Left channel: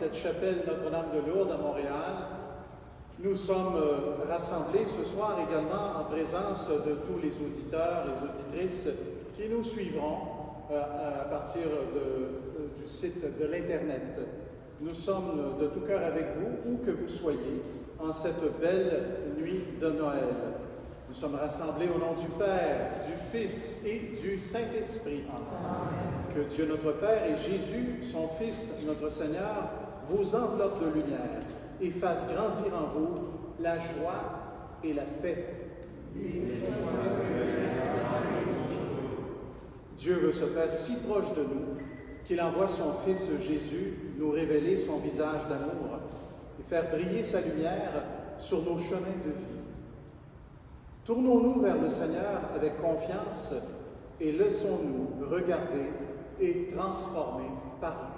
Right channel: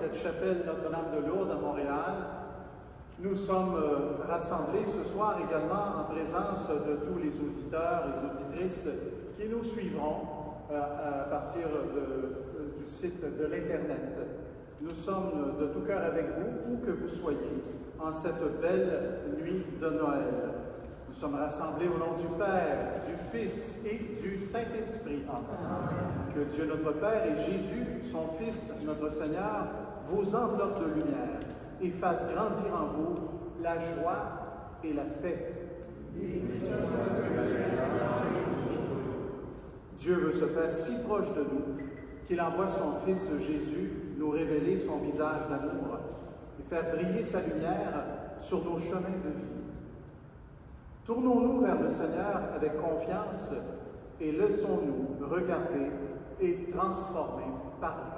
cette chapelle Notre-Dame de Lourdes à Montréal. Nous sommes rassemblés ce soir également en présence de tous les auditeurs et auditrices qui nous suivront à partir du site de l'Internet. Nous sommes de tout cœur avec vous, où que vous soyez, en cette belle nuit de Noël. Nous sommes rassemblés au nom du Père, du Fils et du Saint-Esprit. Que Dieu notre Père et Jésus, son Fils, notre Seigneur, vous enveloppe de lumière et fasse grandir en vous la joie et la paix. Dieu veut se faire si proche de nous qu'il envoie son Fils Jésus nous révéler son visage d'amour et faire briller sa lumière sur nos chemins de vie. Tournons-nous vers le Seigneur avec confiance et laissons-nous regarder et transformer par lui.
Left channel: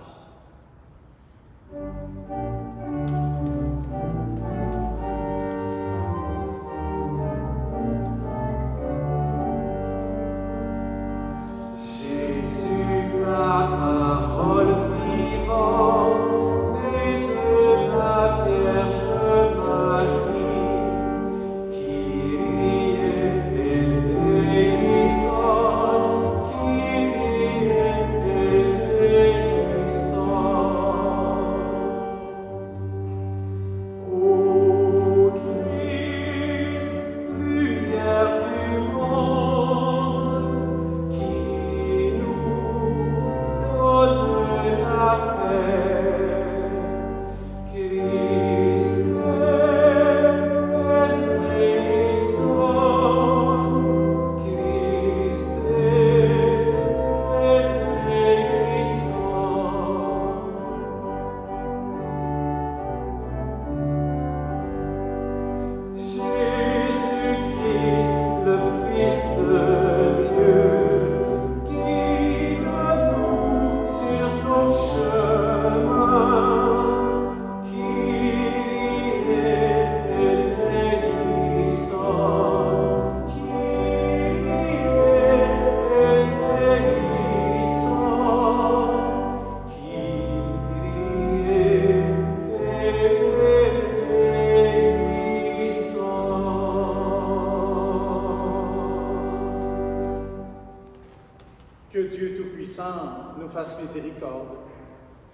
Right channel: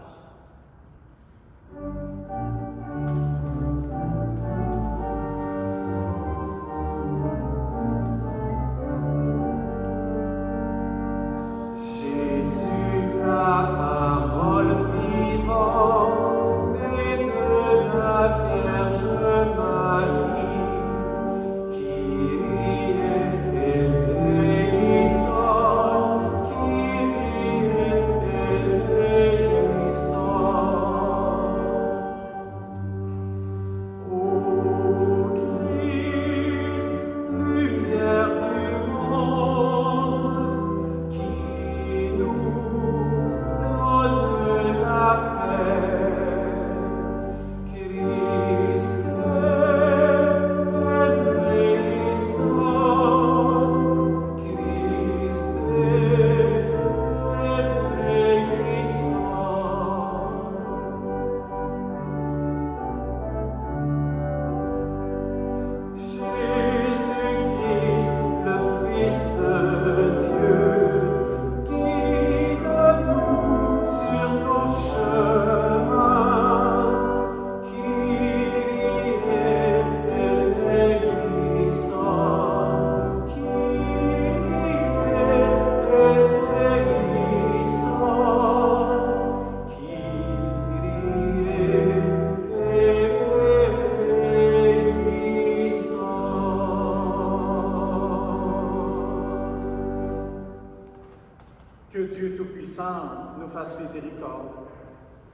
Que Dieu Tout-Puissant nous fasse miséricorde,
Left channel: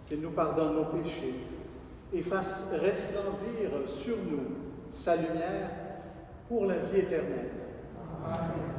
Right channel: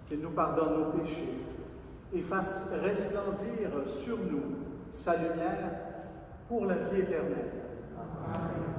qu'il nous pardonne nos péchés et fasse resplendir sur nous sa lumière pour la vie éternelle. Amen.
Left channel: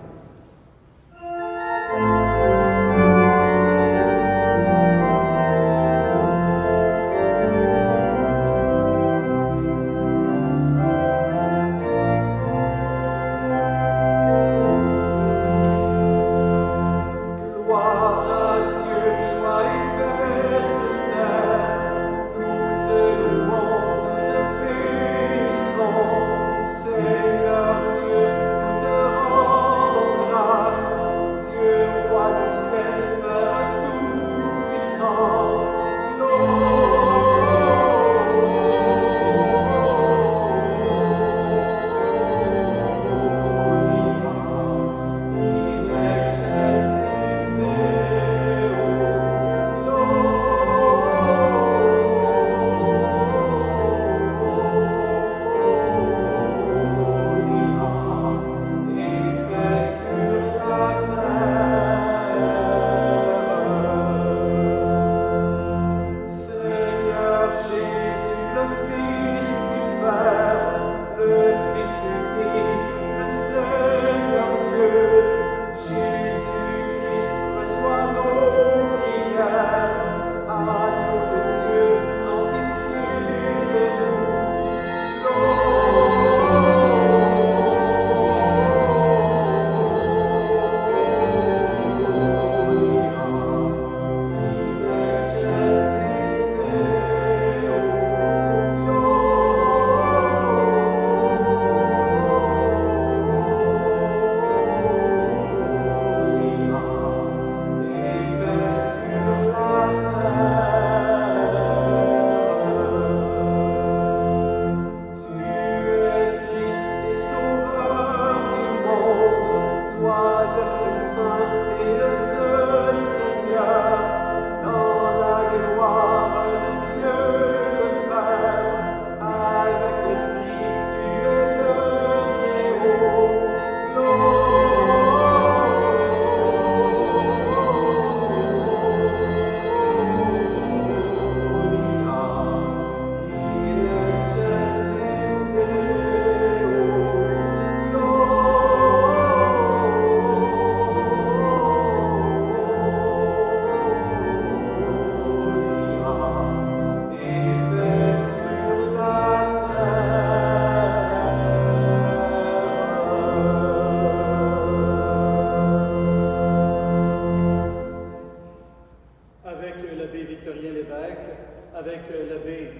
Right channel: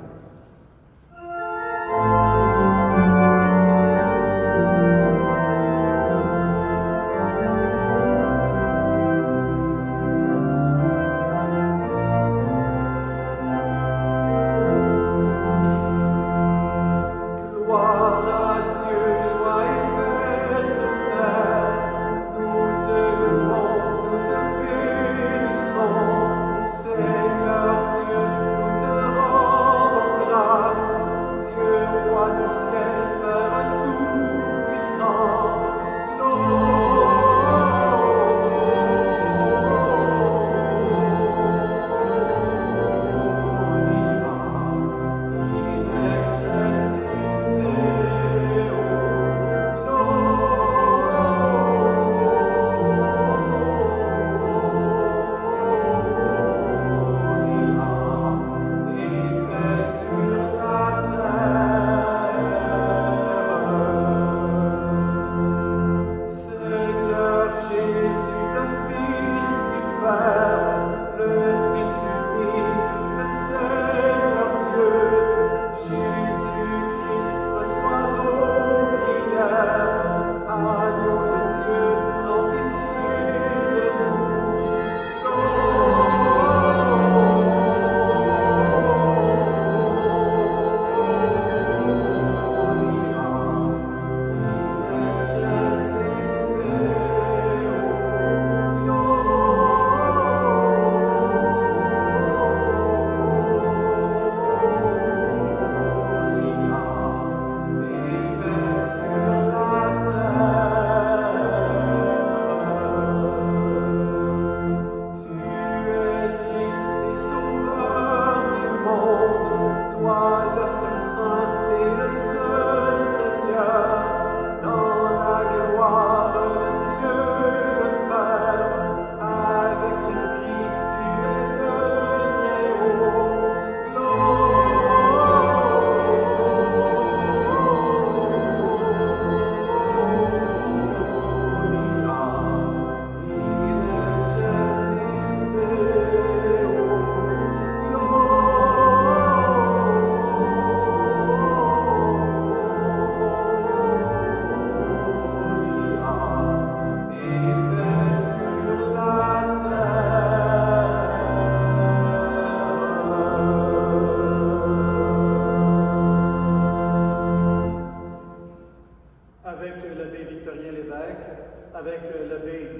Seigneur Dieu, nous te rendons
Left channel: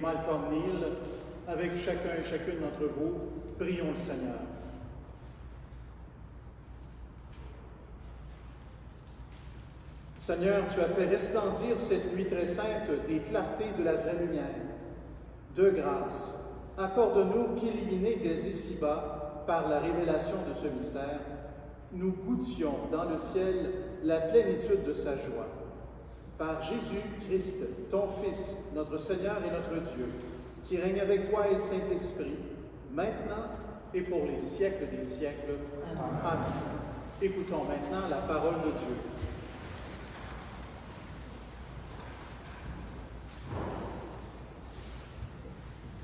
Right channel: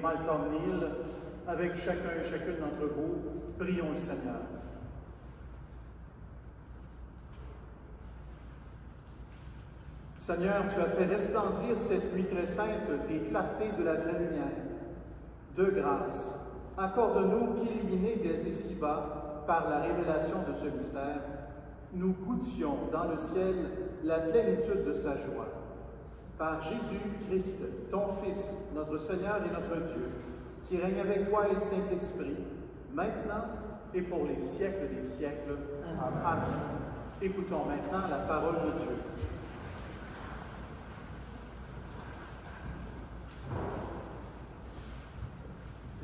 Malcolm Neal, avec chacun et chacune d'entre vous, prions le Seigneur. Seigneur, tu as fait resplendir cette nuit très sainte des clartés de la vraie lumière. De grâce, accorde-nous qu'illuminés dès ici-bas par la révélation de ce mystère, nous goûtions dans le ciel la plénitude de sa joie. Par Jésus-Christ, ton Fils, notre Seigneur et notre Dieu, qui règne avec toi et le Saint-Esprit, maintenant et pour les siècles des siècles. Amen. Amen. Écoutons maintenant la parole de Dieu.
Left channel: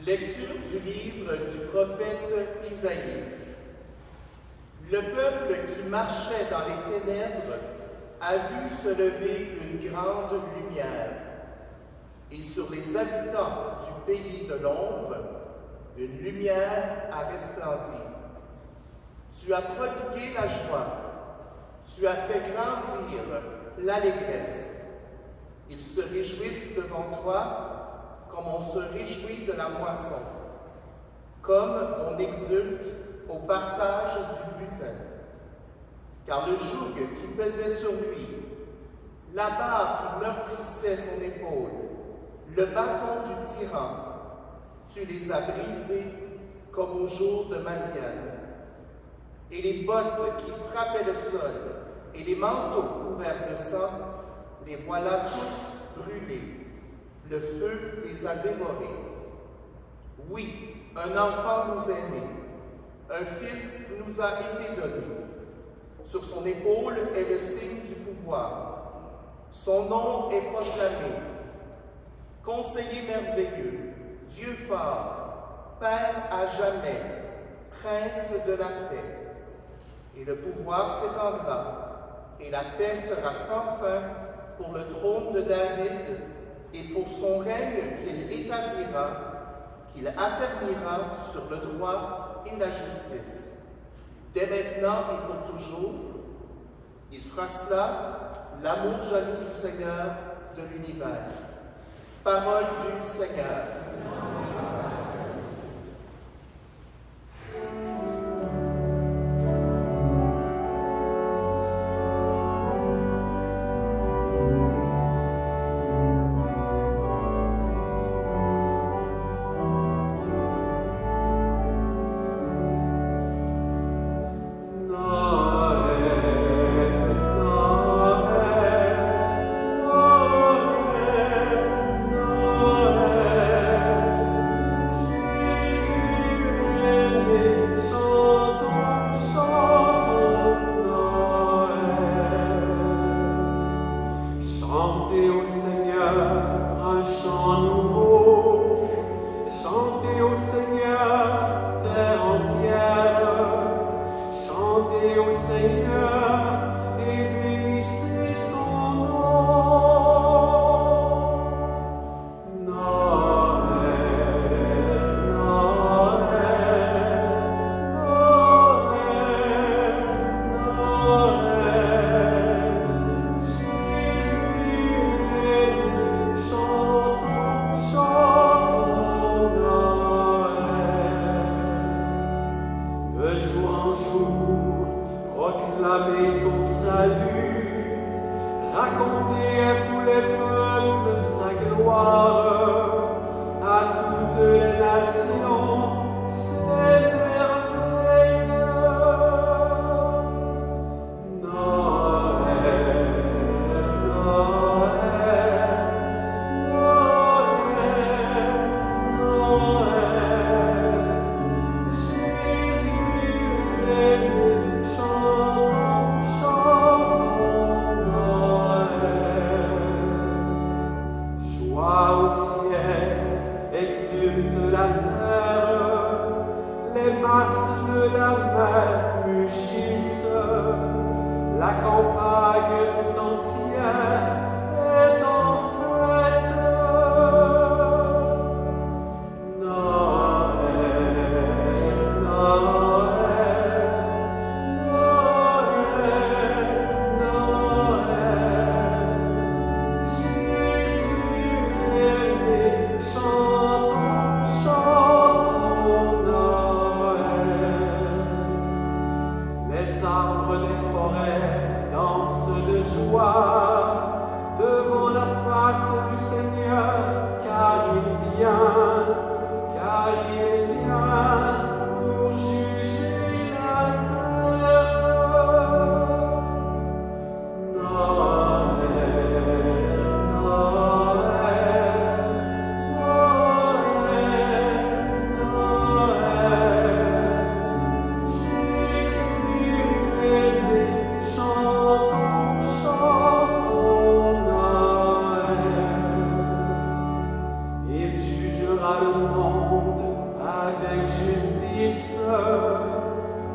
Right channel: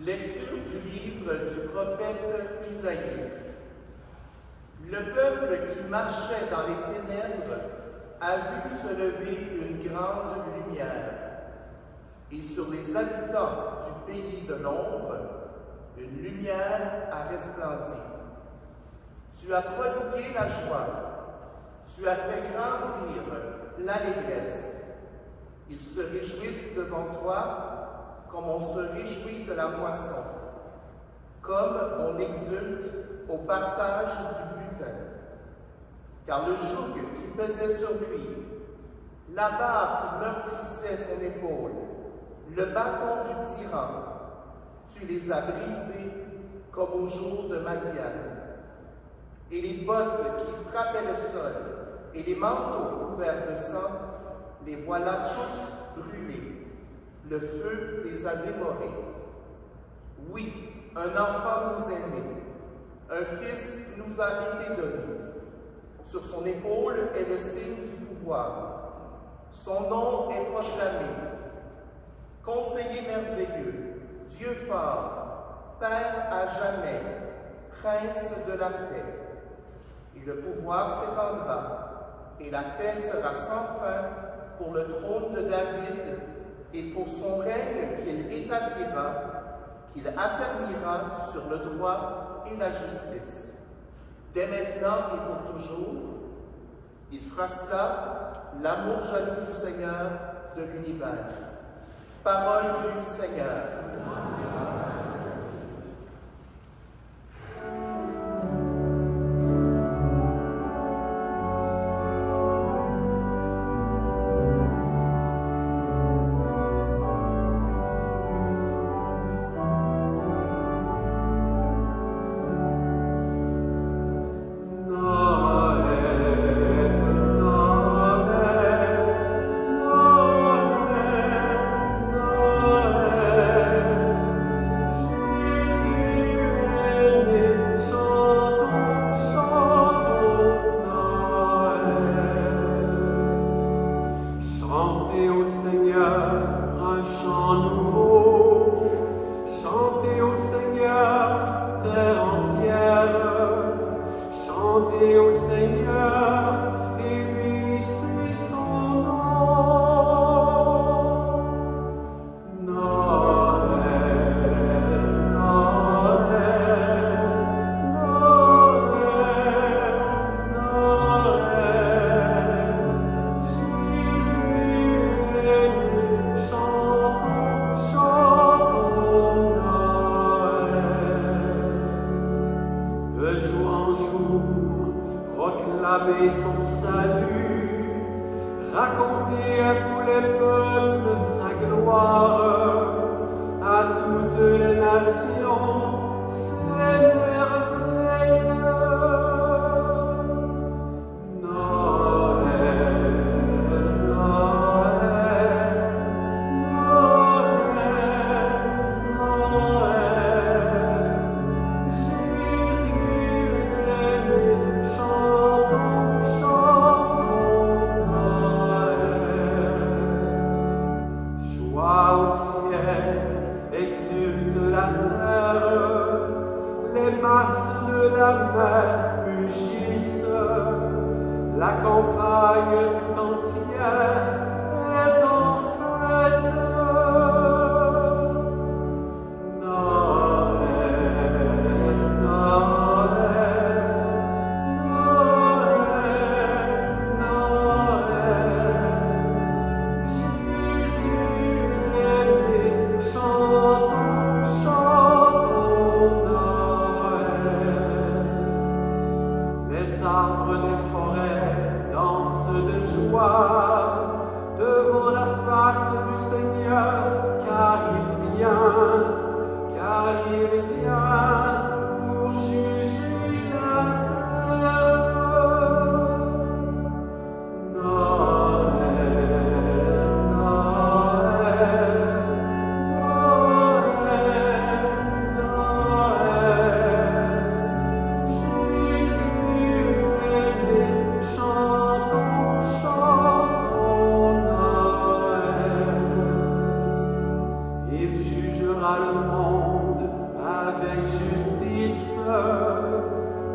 Lecture du livre du prophète Isaïe. Le peuple qui marchait dans les ténèbres a vu se lever une grande lumière, et sur les habitants du pays de l'ombre, une lumière a resplendi. Tu as prodigué la joie, tu as fait grandir l'allégresse. Ils se réjouissent devant toi, comme on se réjouit de la moisson, comme on exulte au partage du butin. Car le joug qui pesait sur lui, la barre qui meurtrissait son épaule, le bâton du tyran, tu les as brisés comme au jour de Madian. Et les bottes qui frappaient le sol et les manteaux couverts de sang, les voilà tous brûlés. Le feu les a dévorés. Oui, un enfant nous est né, un fils nous a été donné. Sur son épaule est le signe du pouvoir. Son nom est proclamé. Conseiller merveilleux, Dieu fort, Père à jamais, Prince de la paix. Et le pouvoir s'étendra, et la paix sera sans fin pour le trône de David, et pour son règne qu'il établira, qu'il affermira sur le droit et la justice. Dès maintenant et pour toujours, il fera cela, l'amour jaloux du Seigneur de l'univers. Parole du Seigneur. Chantons jugera le monde avec justice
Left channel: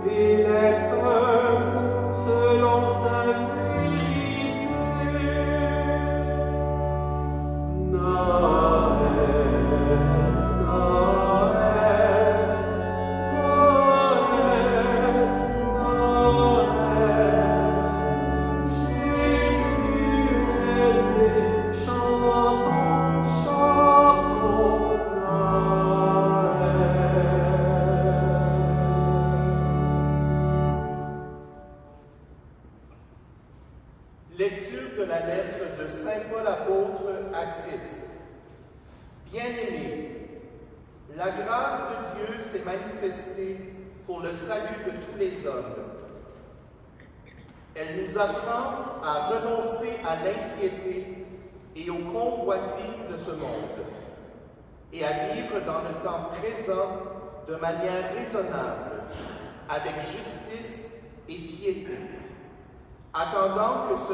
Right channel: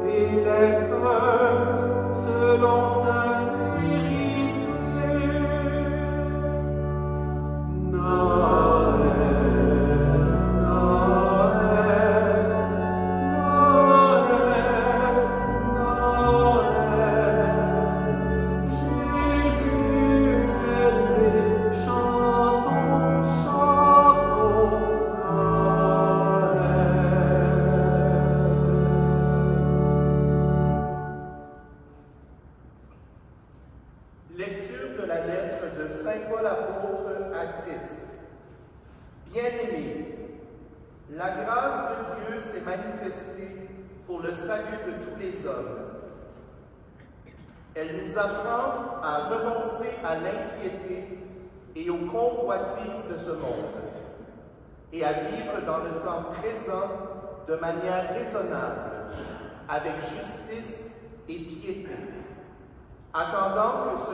et les peuples selon sa vérité. Lecture de la lettre de Saint Paul apôtre à Tite. Bien-aimés, la grâce de Dieu s'est manifestée pour le salut de tous les hommes. Elle nous apprend à renoncer à l'impiété et aux convoitises de ce monde et à vivre dans le temps présent de manière raisonnable, avec justice et piété, attendant que se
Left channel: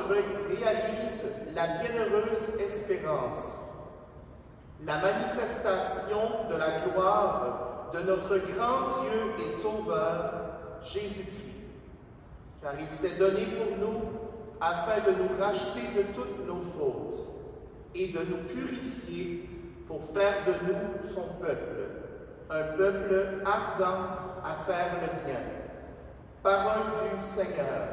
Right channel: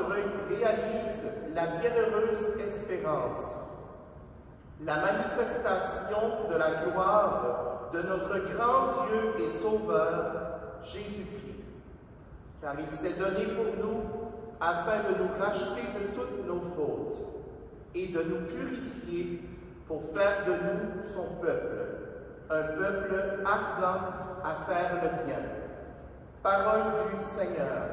réalise la bienheureuse espérance, la manifestation de la gloire de notre grand Dieu et Sauveur, Jésus-Christ. Car il s'est donné pour nous afin de nous racheter de toutes nos fautes et de nous purifier pour faire de nous son peuple, un peuple ardent à faire le bien. Parole du Seigneur.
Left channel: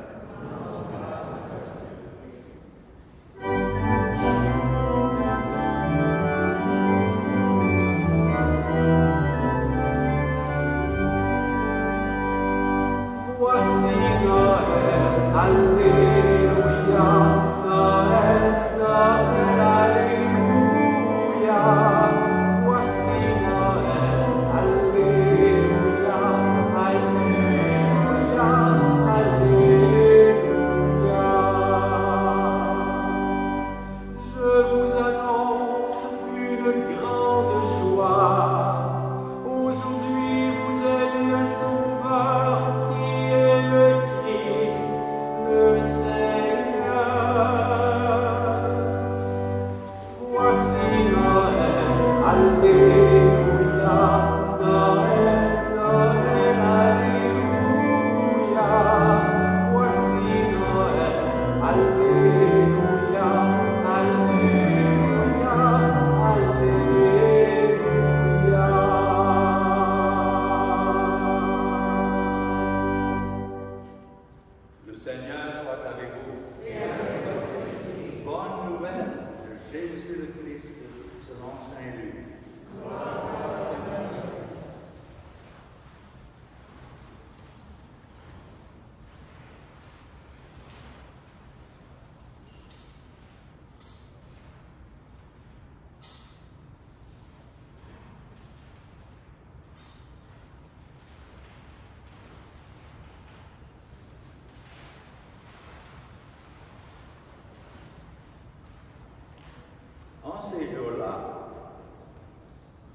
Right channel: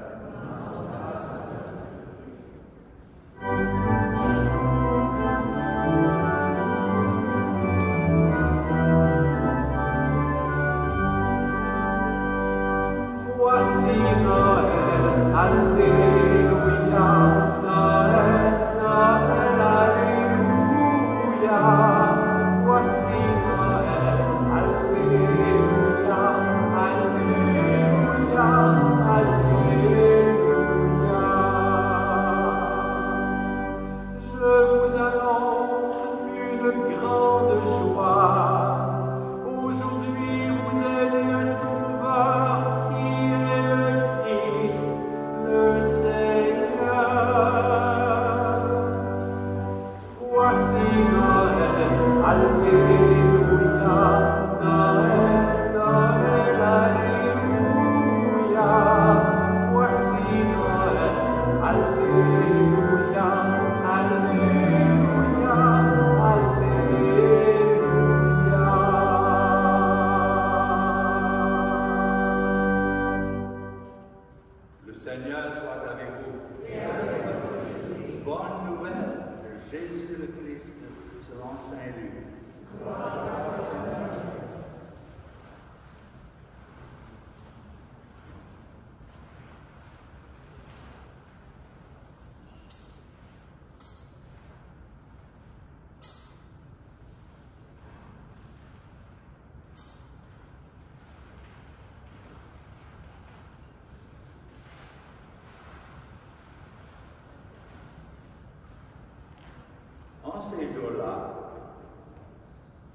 En ces jours-là,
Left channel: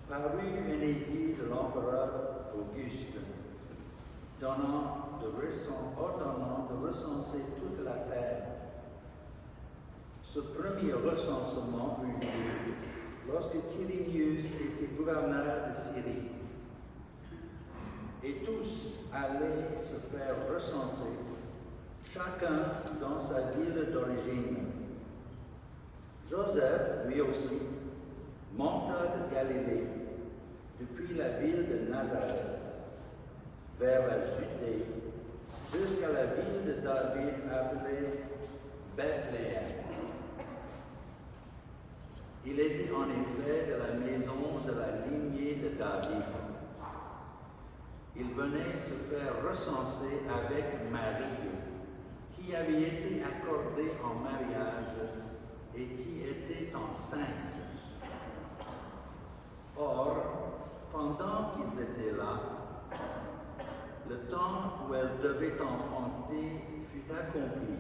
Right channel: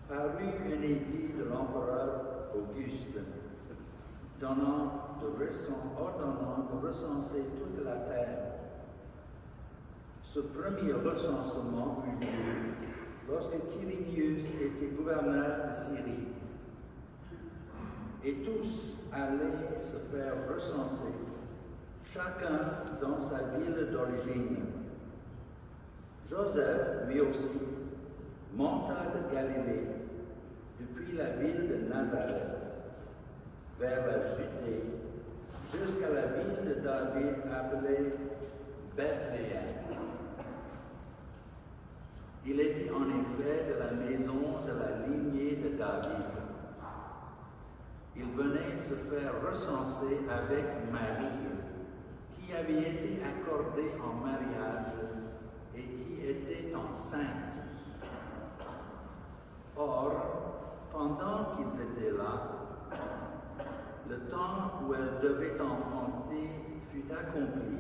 parut un édit de l'empereur Auguste, ordonnant de recenser toute la terre. Ce premier recensement eut lieu lorsque Quirinius était gouverneur de Syrie. Et tous allaient se faire recenser, chacun dans sa ville d'origine. Joseph, lui aussi, monta de Galilée, depuis la ville de Nazareth, vers la Judée, jusqu'à la ville de David appelée Bethléem. Il était en effet de la maison de la lignée de David. Il venait se faire recenser avec Marie, qui avait été accordée en mariage et qui était enceinte. Or, pendant qu'ils étaient là, le temps où elle devait enfanter fut accompli.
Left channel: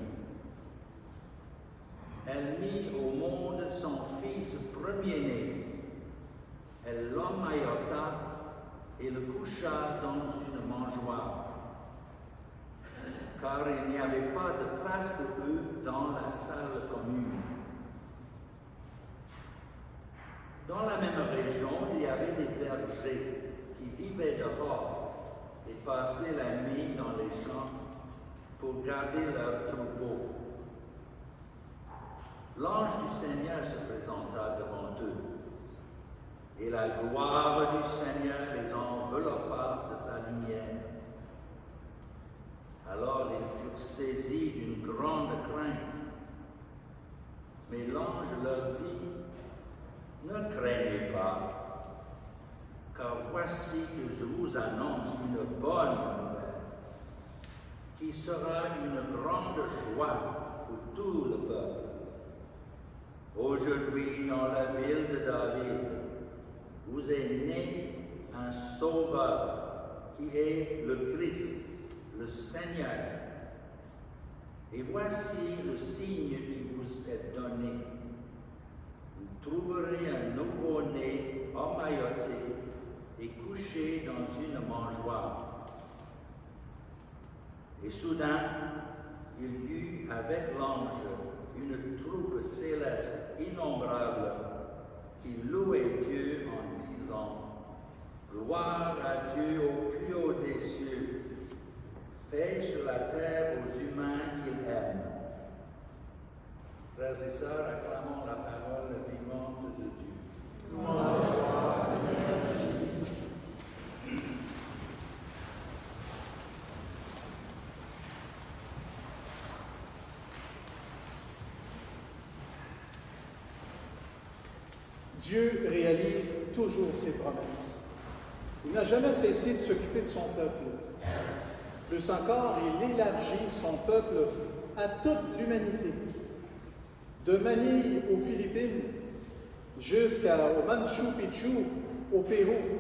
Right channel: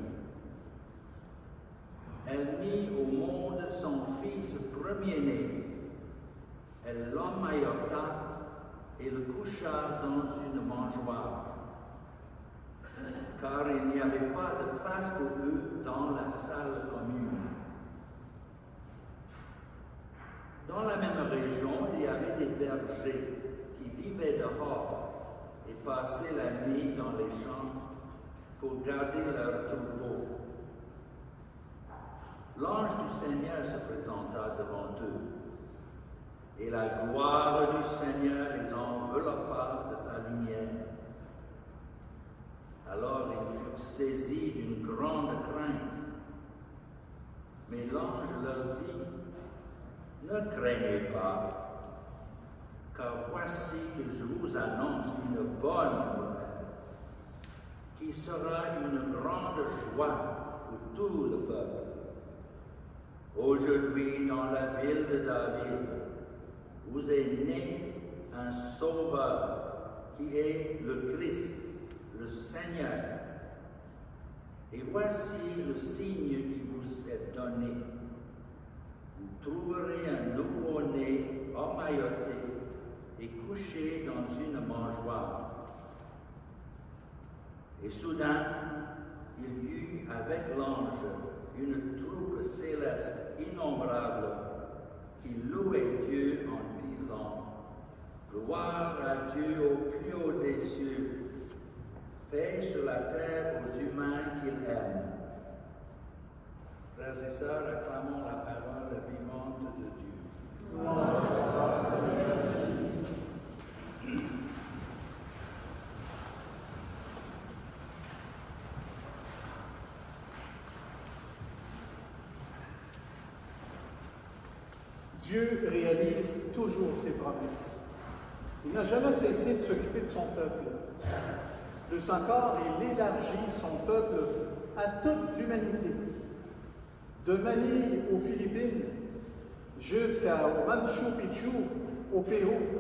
Elle mit au monde son fils premier-né. Elle l'emmaillota et le coucha dans une mangeoire, car il n'y avait pas de place pour eux dans la salle commune. Dans la même région, il y avait des bergers qui vivaient dehors et passaient la nuit dans les champs pour garder leurs troupeaux. L'ange du Seigneur se présenta devant eux, et la gloire du Seigneur les enveloppa de sa lumière. Alors ils furent saisis d'une grande crainte. Mais l'ange leur dit, « Ne craignez pas, car voici que je vous annonce une bonne nouvelle, qui sera une grande joie pour tout le peuple. Aujourd'hui, dans la ville de David, vous est né un sauveur qui est le Christ, le Seigneur. Et voici le signe qui vous est donné. Vous trouverez un nouveau-né emmailloté et couché dans une mangeoire. Et soudain, il y eut avec l'ange une troupe céleste innombrable qui louait Dieu en disant, « Gloire à Dieu au plus haut des cieux, paix sur la terre aux humains qu'il aime. » Frères et sœurs, acclamons la parole vivante de Dieu. Louange à toi, Seigneur Jésus. Dieu réalise toujours ses promesses. Il n'a jamais cessé de s'occuper de son peuple. Plus encore, il élargit son peuple à toute l'humanité. De Manille aux Philippines jusqu'au Machu Picchu au Pérou,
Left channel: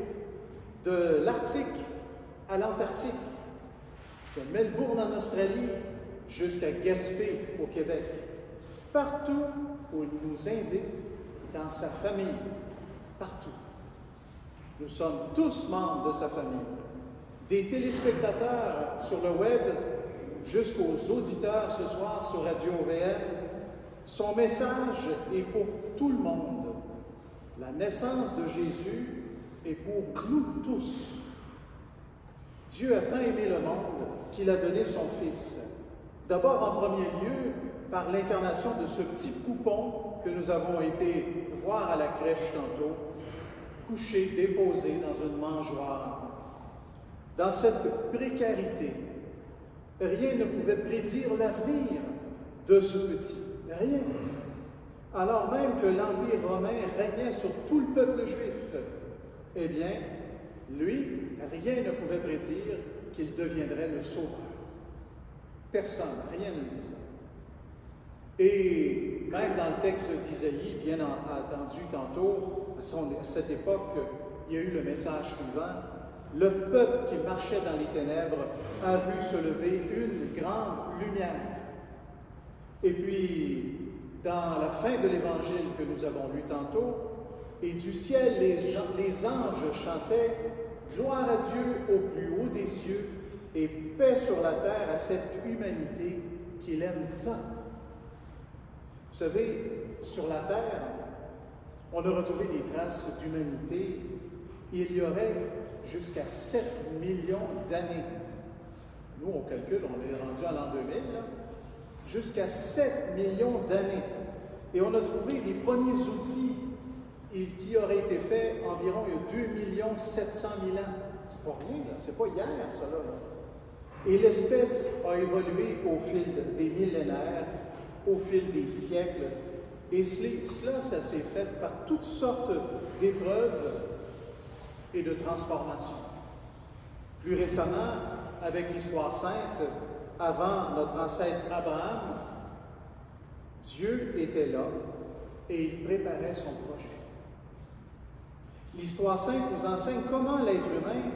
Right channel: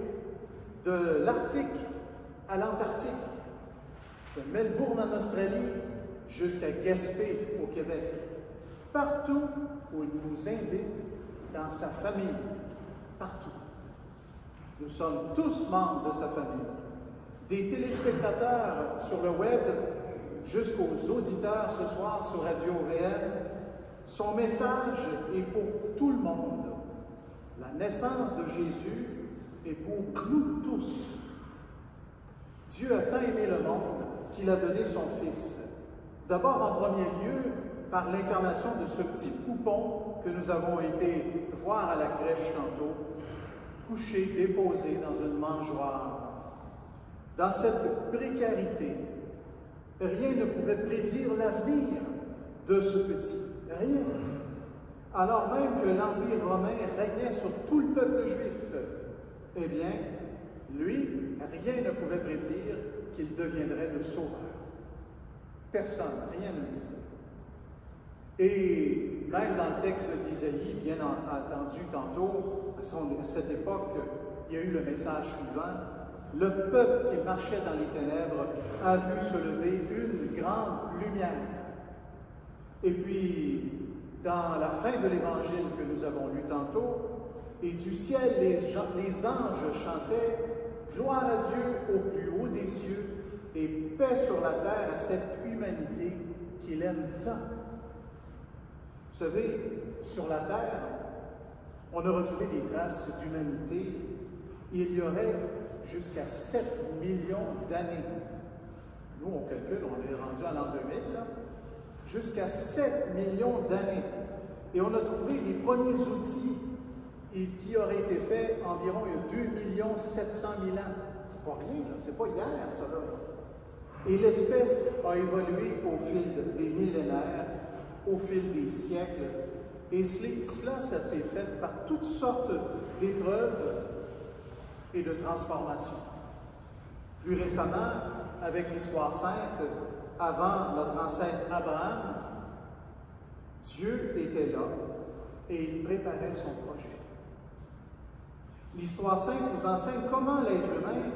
de l'Arctique à l'Antarctique, de Melbourne en Australie jusqu'à Gaspé au Québec. Partout où il nous invite dans sa famille, partout. Nous sommes tous membres de sa famille. Des téléspectateurs sur le web jusqu'aux auditeurs ce soir sur Radio OVM, son message est pour tout le monde. La naissance de Jésus est pour nous tous. Dieu a tant aimé le monde qu'il a donné son Fils. D'abord, en premier lieu, par l'incarnation de ce petit poupon que nous avons été voir à la crèche tantôt, couché, déposé dans une mangeoire. Dans cette précarité, rien ne pouvait prédire l'avenir de ce petit. Rien. Alors même que l'Empire romain régnait sur tout le peuple juif, eh bien, lui, rien ne pouvait prédire qu'il deviendrait le sauveur. Personne, rien ne le disait. Et même dans le texte d'Isaïe, bien entendu tantôt, à cette époque, il y a eu le message suivant. Le peuple qui marchait dans les ténèbres a vu se lever une grande lumière. Et puis, dans la fin de l'évangile que nous avons lu tantôt, et du ciel, les anges chantaient « Gloire à Dieu au plus haut des cieux et paix sur la terre à cette humanité qu'il aime tant. » Vous savez, sur la terre, on a retrouvé des traces d'humanité. Il y aurait jusqu'à 7 millions d'années. Nous, on calcule, on est rendu à l'an 2000, là. Jusqu'à 7 millions d'années. Et on a trouvé des premiers outils qui auraient été faits environ il y a 2 700 000 ans. C'est pas rien, là. C'est pas hier, ça, là. Et l'espèce a évolué au fil des millénaires, au fil des siècles. Et cela, ça s'est fait par toutes sortes d'épreuves et de transformations. Plus récemment, avec l'histoire sainte, avant notre ancêtre Abraham, Dieu était là et il préparait son projet. L'histoire sainte nous enseigne comment l'être humain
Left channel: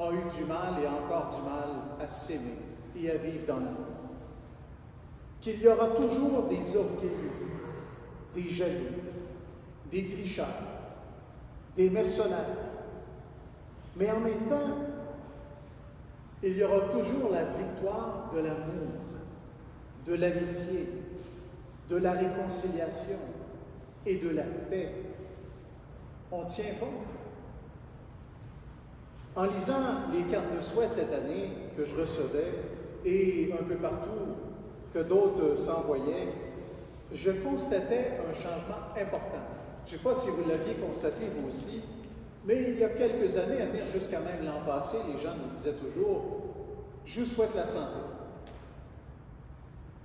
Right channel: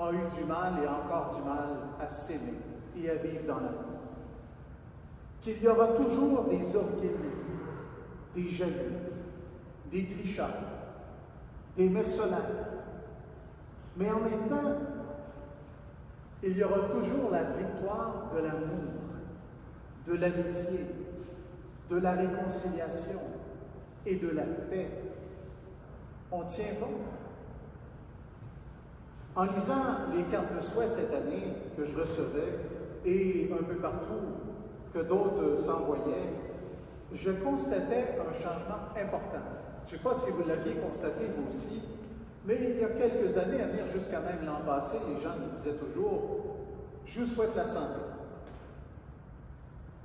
a eu du mal et encore du mal à s'aimer et à vivre dans l'amour. Qu'il y aura toujours des orgueilleux, des jaloux, des tricheurs, des mercenaires. Mais en même temps, il y aura toujours la victoire de l'amour, de l'amitié, de la réconciliation et de la paix. on tient bon. En lisant les cartes de souhait cette année que je recevais, et un peu partout que d'autres s'envoyaient, je constatais un changement important. Je ne sais pas si vous l'aviez constaté vous aussi, mais il y a quelques années, à venir jusqu'à même l'an passé, les gens nous disaient toujours « Je vous souhaite la santé ».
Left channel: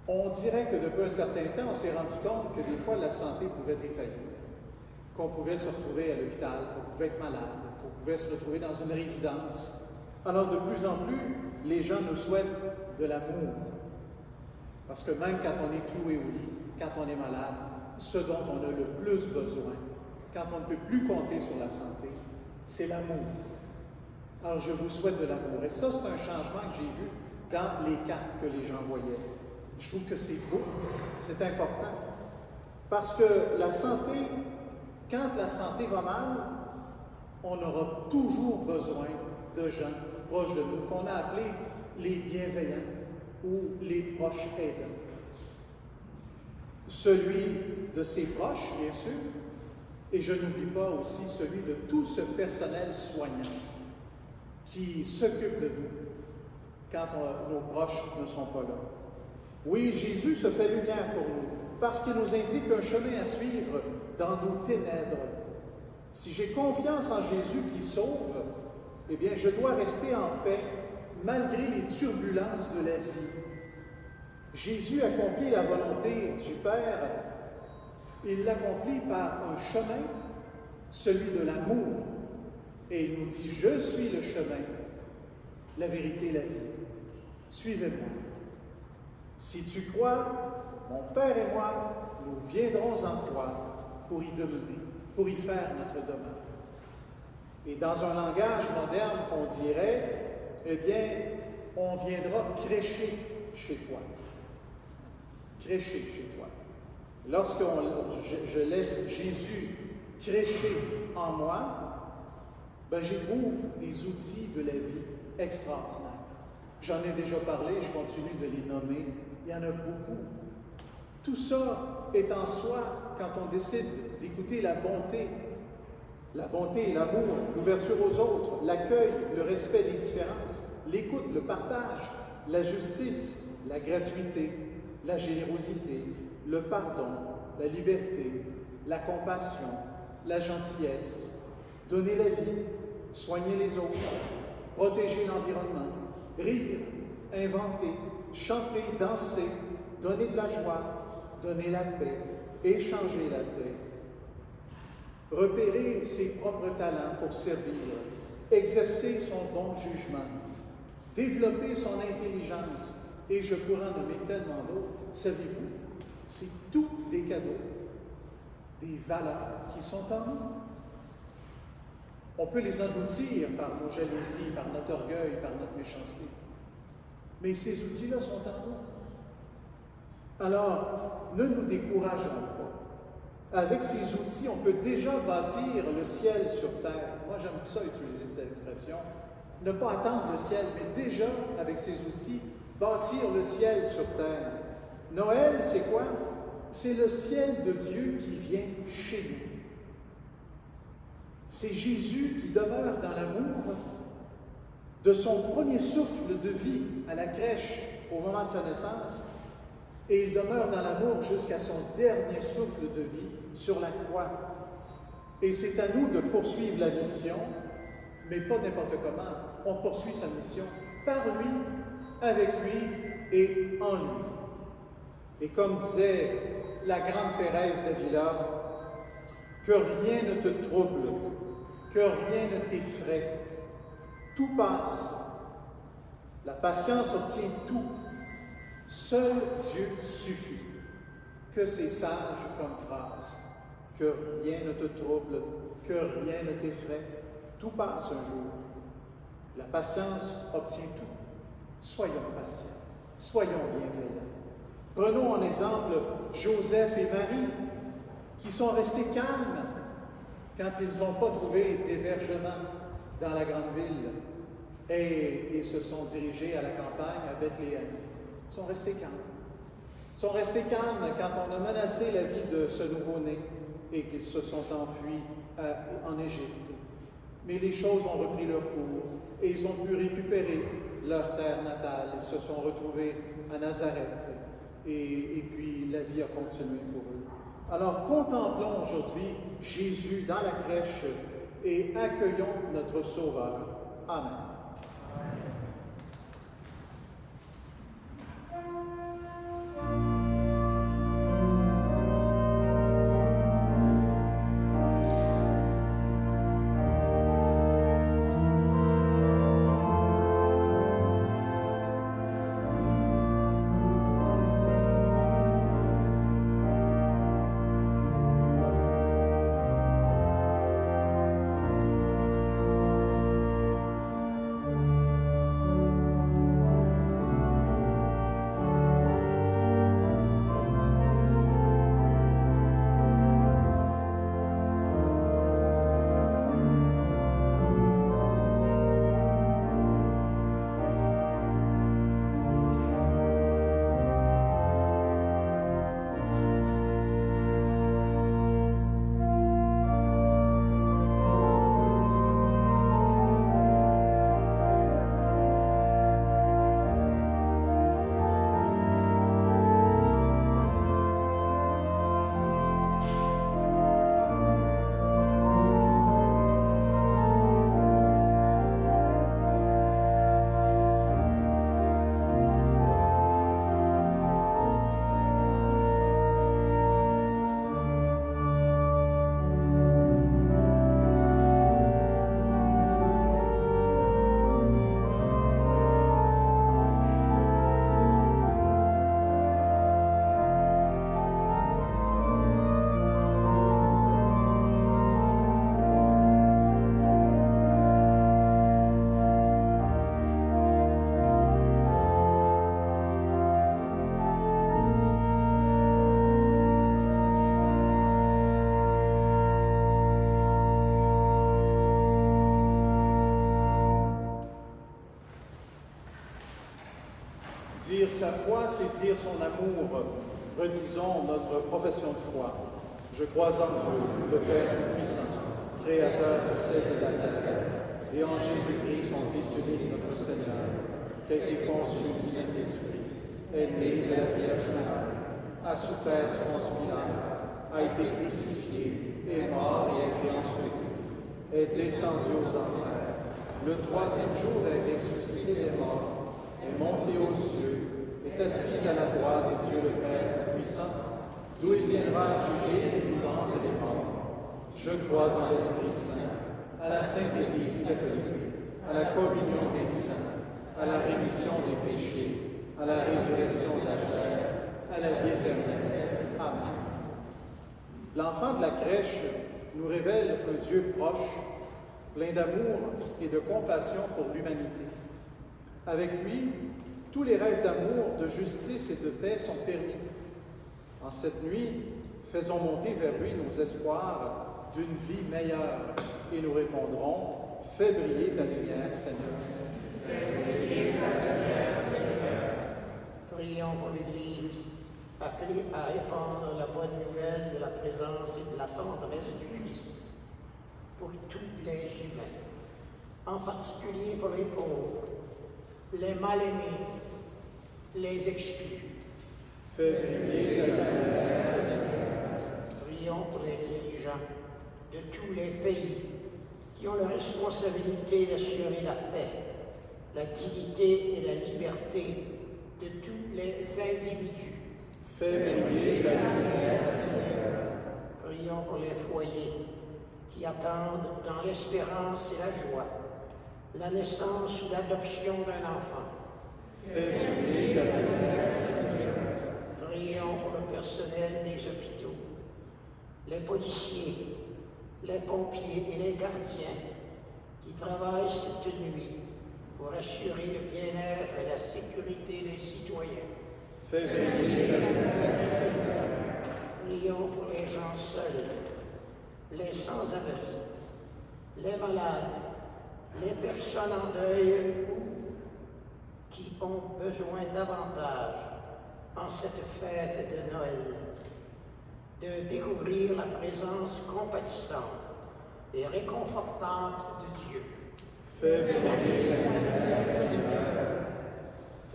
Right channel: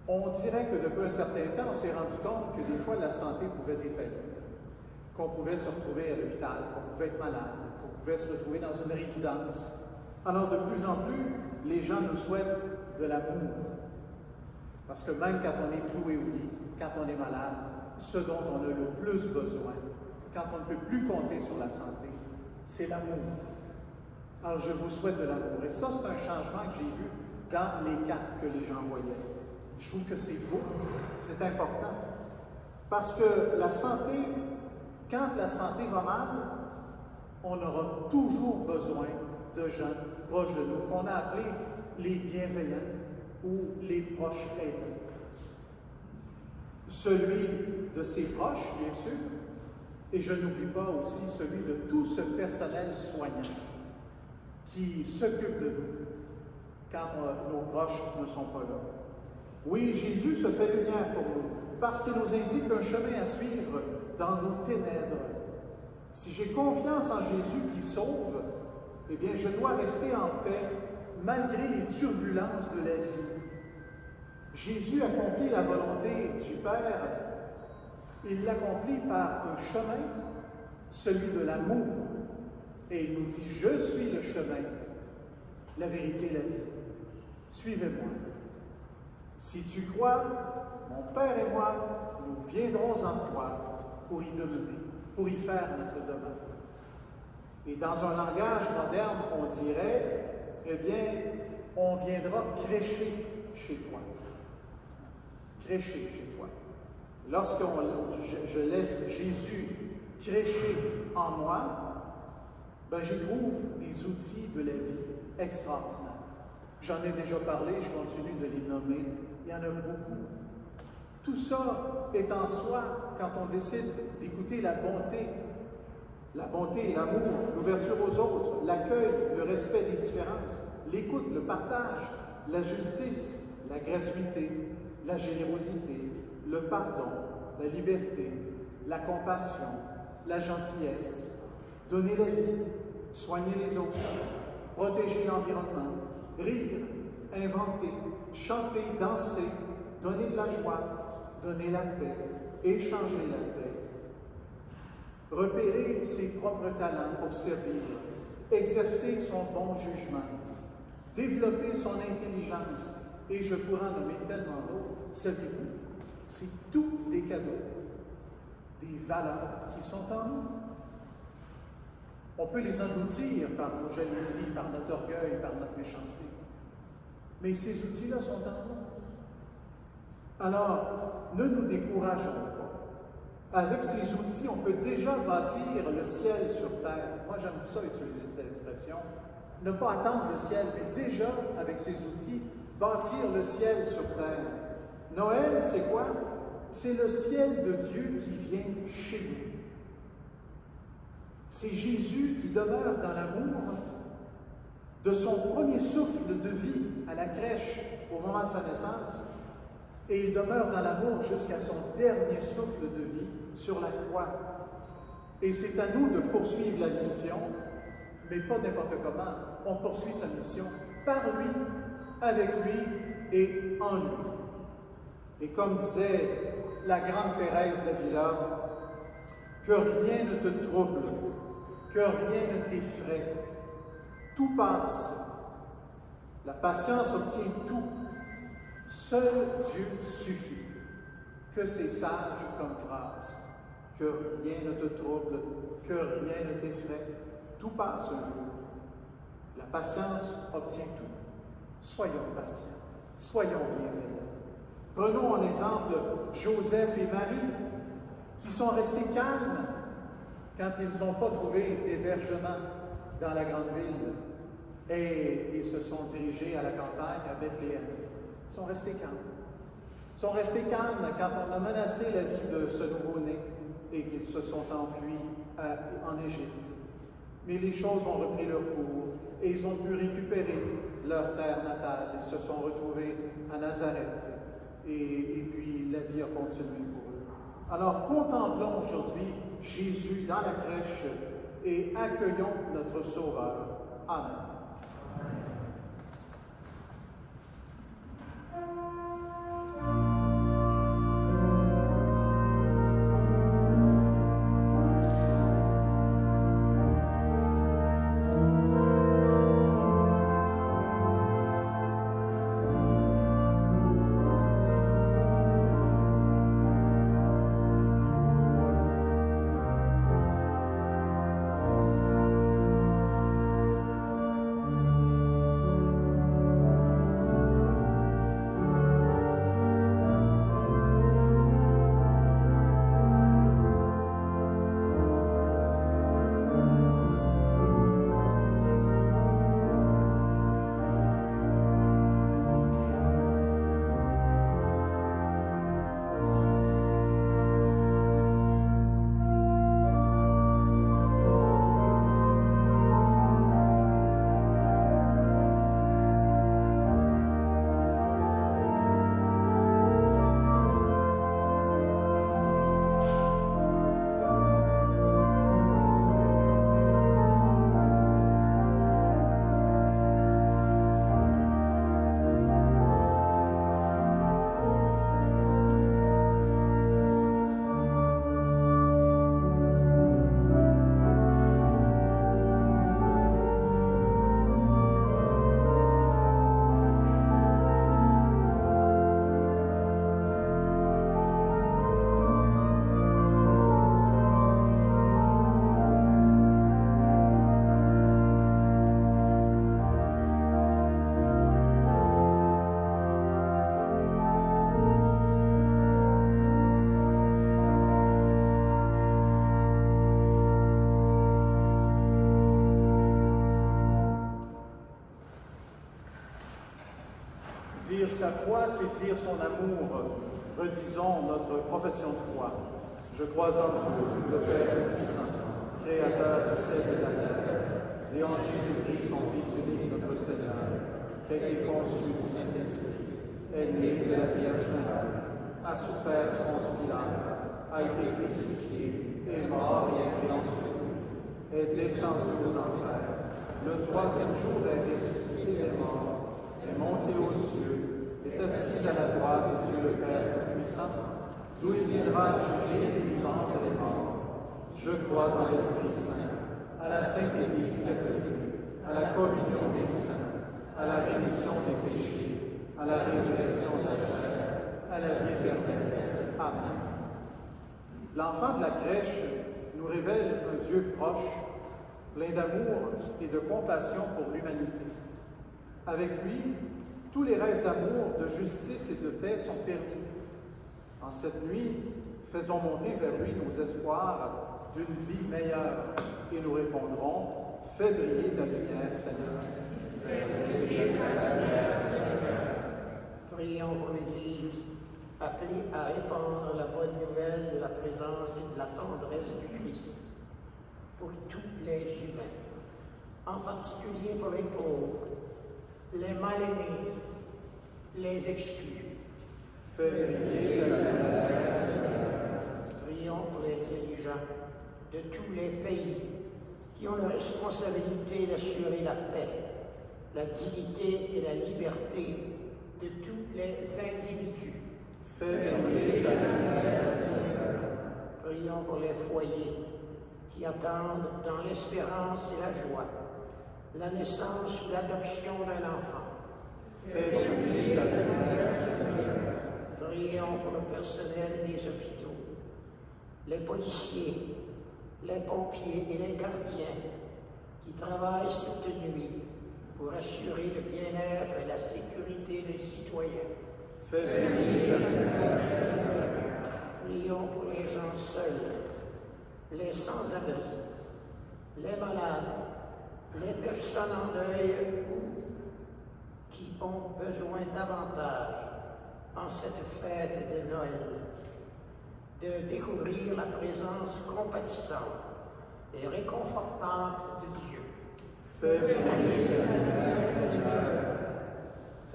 On dirait que depuis un certain temps, on s'est rendu compte que des fois la santé pouvait défaillir, qu'on pouvait se retrouver à l'hôpital, qu'on pouvait être malade, qu'on pouvait se retrouver dans une résidence. Alors de plus en plus, les gens nous souhaitent de l'amour. Parce que même quand on est cloué au lit, quand on est malade, ce dont on a le plus besoin, quand on ne peut plus compter sur la santé, c'est l'amour. Alors je vous souhaite de l'amour. Et ça, c'est un changement que j'ai vu dans les cartes que les gens voyaient. Je trouve que c'est beau, c'est important. Parce que la santé, quand la santé va mal, on aura toujours besoin de gens proches de nous, qu'on a appelés les bienveillants ou les proches aidants. Celui de ses proches, bien sûr, et je n'oublie pas aussi celui de tout ce personnel soignant qui s'occupe de nous quand nos proches ne sont pas là. Oui, Jésus se fait lumière pour nous, parce qu'il nous indique un chemin à suivre dans nos ténèbres. Si j'ai confiance en Jésus qui sauve, eh bien, je dois rester en paix malgré les turbulences de la vie. Jésus accomplit la volonté du Père. Il l'accomplit par un chemin, celui de l'amour. Et il nous dit, je suis le chemin, la vérité et la vie. Suivez-moi. Si tu crois, mon Père et moi, nous viendrons en toi pour y demeurer, pour y faire notre demeure. Et dans un langage moderne, on dirait, eh bien, on viendra crêcher chez toi. Crêcher chez toi. Lorsque je laisse Jésus crêcher en moi, ben, j'y trouve des outils de la vie extraordinaires. J'en ai déjà parlé, je continue de les nommer. Il y en a beaucoup. Tout ça est en soi quand on décide d'écouter la bonté et l'amour, l'ouverture aux autres, l'accueil, le respect des différences, l'écoute, le partage, la justice, la gratuité, la générosité, le pardon, la liberté, la compassion, la gentillesse, donner la vie, soigner les autres, protéger l'environnement, rire, inventer, chanter, danser, donner de la joie, donner la paix, échanger la paix, repérer ses propres talents pour servir, exercer son bon jugement, développer son intelligence, et je pourrais en nommer tellement d'autres. Savez-vous, c'est tous des cadeaux, des valeurs qui sont en nous. On peut les engloutir par nos jalousies, par notre orgueil, par notre méchanceté. Mais ces outils-là sont en nous. Alors, ne nous décourageons pas. Avec ces outils, on peut déjà bâtir le ciel sur terre. Moi, j'aime ça utiliser cette expression. Ne pas attendre le ciel, mais déjà, avec ces outils, bâtir le ciel sur terre. Noël, c'est quoi? C'est le ciel de Dieu qui vient chez nous. C'est Jésus qui demeure dans l'amour de son premier souffle de vie à la crèche au moment de sa naissance, et il demeure dans l'amour jusqu'à son dernier souffle de vie sur la croix. Et c'est à nous de poursuivre la mission, mais pas n'importe comment. On poursuit sa mission par lui, avec lui et en lui. Et comme disait la grande Thérèse d'Avila, que rien ne te trouble, que rien ne t'effraie. Tout passe. La patience obtient tout. Seul Dieu suffit. Que c'est sage comme phrase. Que rien ne te trouble, que rien ne t'effraie. Tout passe un jour. La patience obtient tout. Soyons patients. Soyons bienveillants. Prenons en exemple Joseph et Marie, qui sont restés calmes quand ils n'ont pas trouvé d'hébergement dans la grande ville et ils se sont dirigés à la campagne, à Bethléem. Ils sont restés calmes. Ils sont restés calmes quand on a menacé la vie de ce nouveau-né et qu'ils se sont enfuis en Égypte. Mais les choses ont repris leur cours et ils ont pu récupérer leur terre natale. Ils se sont retrouvés à Nazareth et puis la vie a continué pour eux. Alors contemplons aujourd'hui Jésus dans la crèche et accueillons notre Sauveur. Amen. Dire sa foi, c'est dire son amour. Redisons notre profession de foi. Je crois en Dieu, le Père Tout-Puissant, Créateur du ciel et de la terre, et en Jésus-Christ, son Fils unique, notre Seigneur, qui a été conçu du Saint-Esprit, est né de la Vierge Marie, a souffert sous Ponce Pilate, a été crucifié, est mort et a été enseveli, est descendu aux enfers. Le troisième jour est ressuscité des morts, est monté aux cieux, est assis à la droite de Dieu le Père Tout-Puissant, d'où il viendra juger les vivants et les morts. Je crois en l'Esprit Saint, à la Sainte Église catholique, à la communion des saints, à la rémission des péchés, à la résurrection de la chair, à la vie éternelle. Amen. L'enfant de la crèche nous révèle un Dieu proche, plein d'amour et de compassion pour l'humanité. Avec lui, tous les rêves d'amour, de justice et de paix sont permis. En cette nuit, faisons monter vers lui nos espoirs d'une vie meilleure et nous répondrons « Fais briller ta lumière, Seigneur. » Fais briller ta lumière, Seigneur. Prions pour l'Église, appelée à répandre la bonne nouvelle de la présence et de la tendresse du Christ pour tous les humains, en particulier pour les pauvres, les mal-aimés, les exclus. Fais briller ta lumière, Seigneur. Prions pour les dirigeants de tous les pays qui ont la responsabilité d'assurer la paix, la dignité et la liberté de tous les individus. Fais briller ta lumière, Seigneur. Prions pour les foyers qui attendent dans l'espérance et la joie la naissance ou l'adoption d'un enfant. Fais briller ta lumière, Seigneur. Prions pour le personnel des hôpitaux, les policiers, les pompiers et les gardiens qui travaillent cette nuit pour assurer le bien-être et la sécurité des citoyens. Fais briller ta lumière, Seigneur. Prions pour les gens seuls, les sans-abri, les malades, les personnes en deuil ou qui ont besoin davantage en cette fête de Noël de découvrir la présence compatissante et réconfortante de Dieu. Fais briller ta lumière, Seigneur.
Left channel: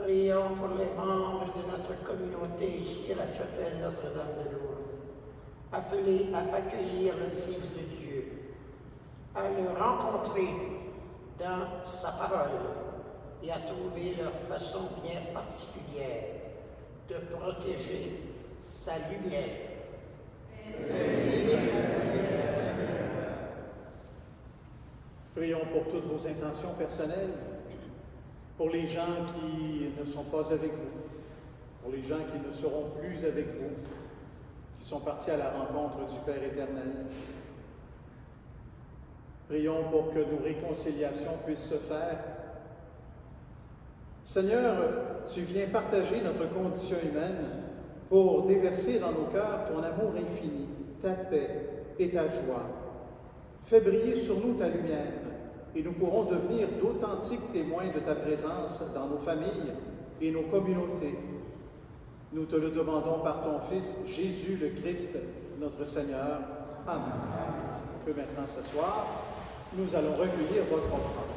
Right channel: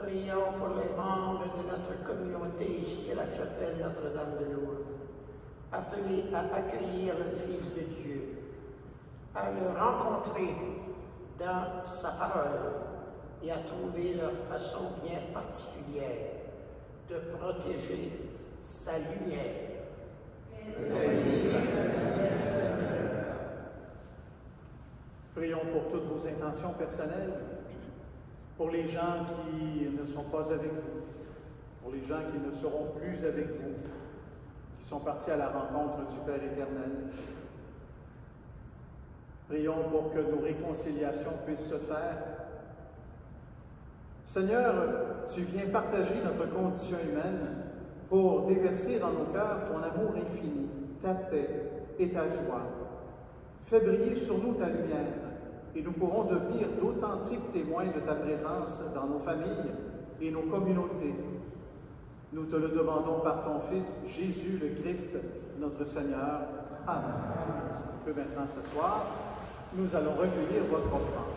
Prions pour les membres de notre communauté ici à la chapelle Notre-Dame de Lourdes, appelés à accueillir le Fils de Dieu, à le rencontrer dans sa parole et à trouver leur façon bien particulière de protéger sa lumière. Prions pour toutes vos intentions personnelles, pour les gens qui ne sont pas avec vous, pour les gens qui ne seront plus avec vous, qui sont partis à la rencontre du Père éternel. Prions pour que nos réconciliations puissent se faire. Seigneur, tu viens partager notre condition humaine pour déverser dans nos cœurs ton amour infini, ta paix et ta joie. Fais briller sur nous ta lumière et nous pourrons devenir d'authentiques témoins de ta présence dans nos familles et nos communautés. Nous te le demandons par ton Fils, Jésus le Christ, notre Seigneur. Amen. On peut maintenant s'asseoir. Nous allons recueillir votre offrande.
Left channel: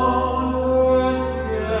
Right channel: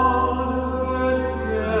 Dans le ciel.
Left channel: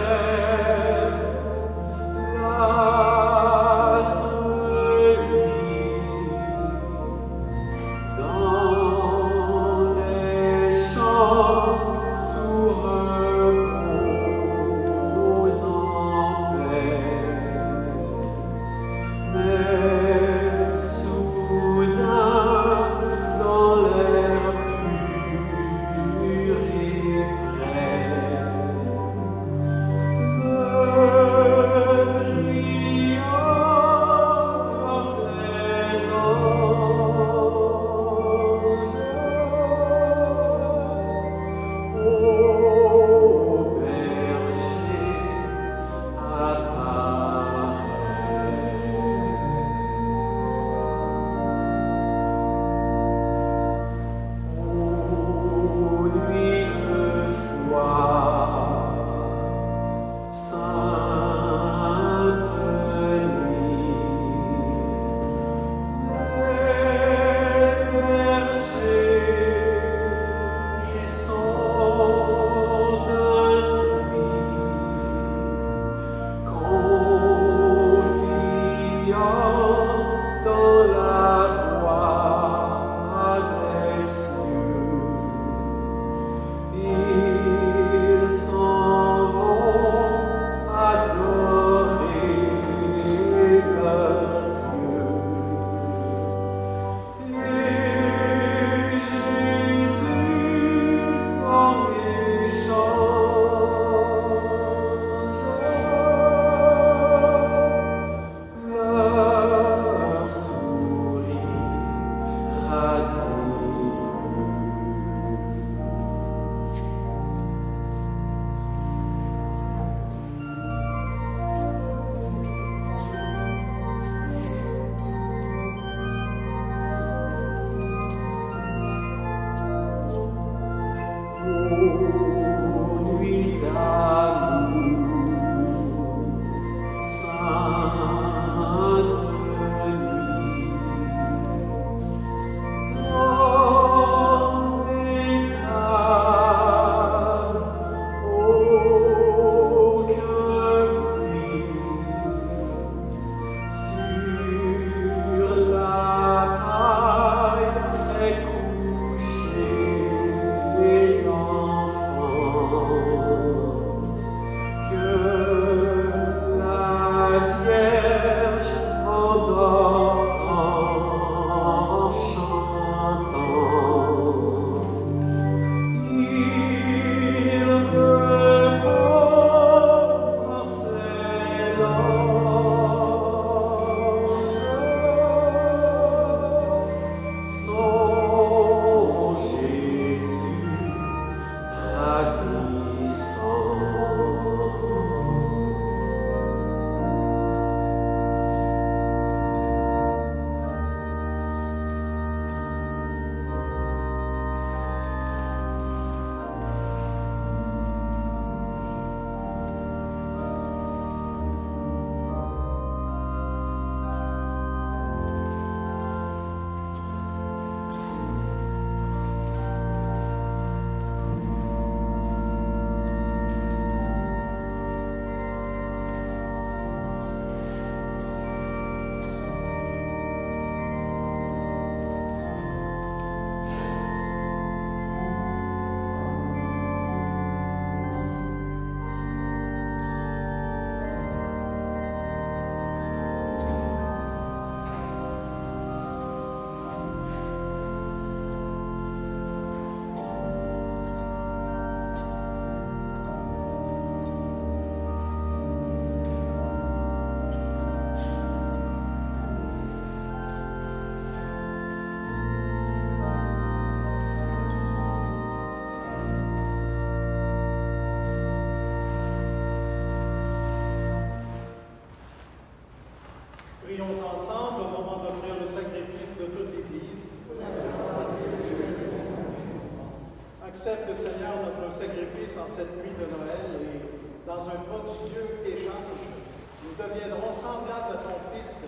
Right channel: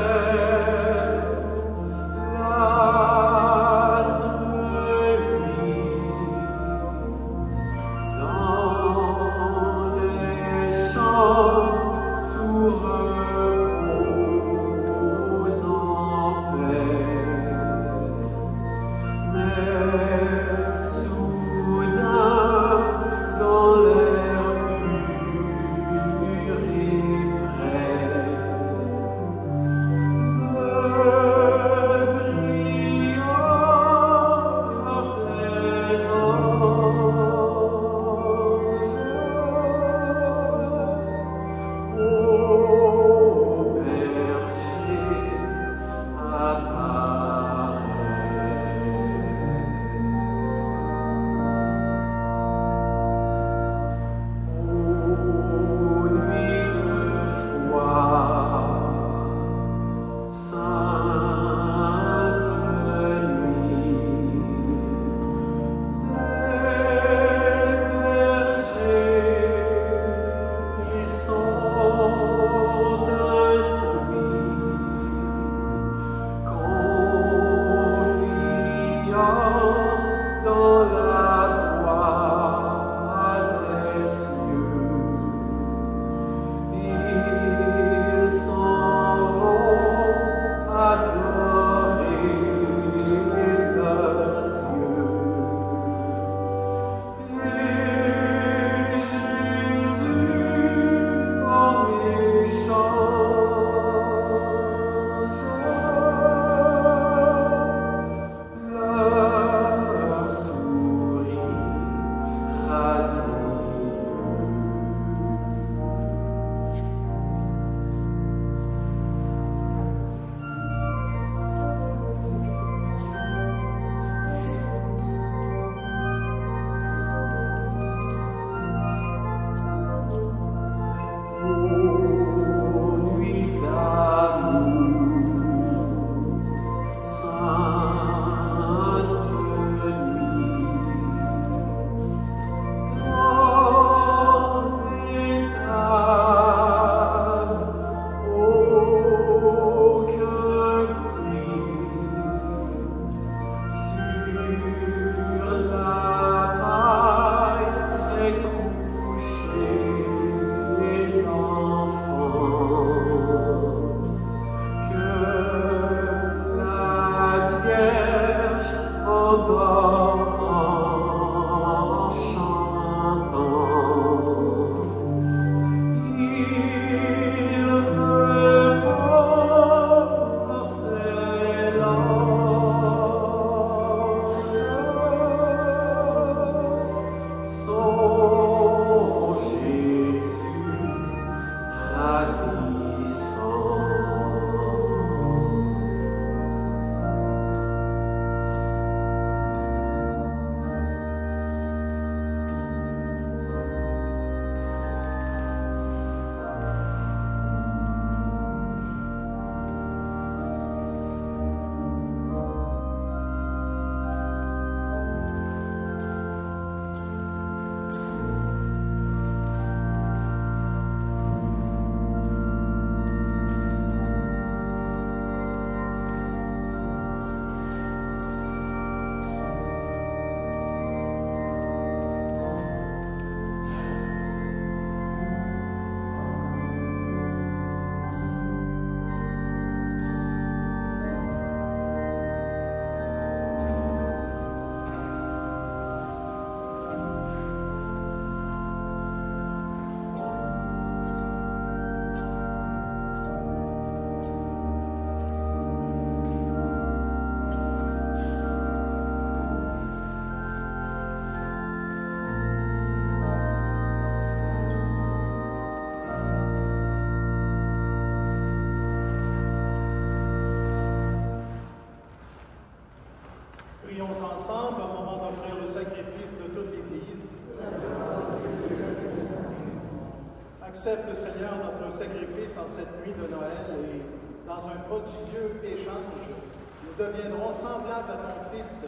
deviendront semblables à ton Fils,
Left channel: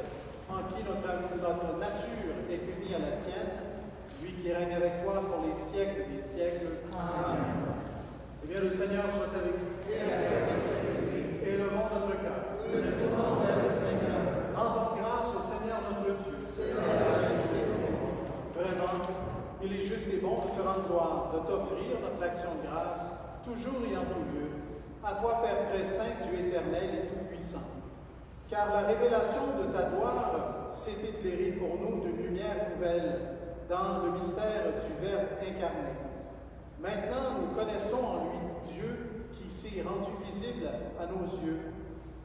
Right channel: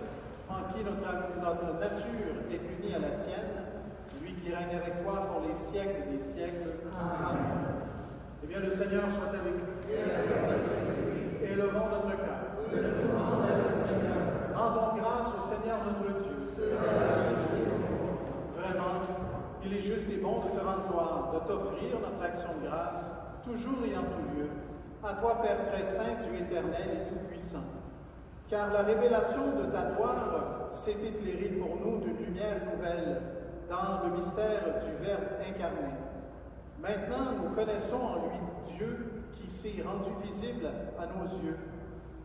en qui notre nature est unie à la tienne, lui qui règne avec toi pour les siècles des siècles. Amen. Eh bien, le Seigneur soit avec vous. Élevons notre cœur. Rendons grâce au Seigneur notre Dieu. Vraiment, il est juste et bon de te rendre gloire, de t'offrir notre action de grâce, toujours et en tout lieu, à toi, Père très saint, Dieu éternel et tout-puissant. Car la révélation de ta gloire s'est éclairée pour nous d'une lumière nouvelle dans le mystère du Verbe incarné. Maintenant, nous connaissons en lui Dieu qui s'est rendu visible à nos yeux,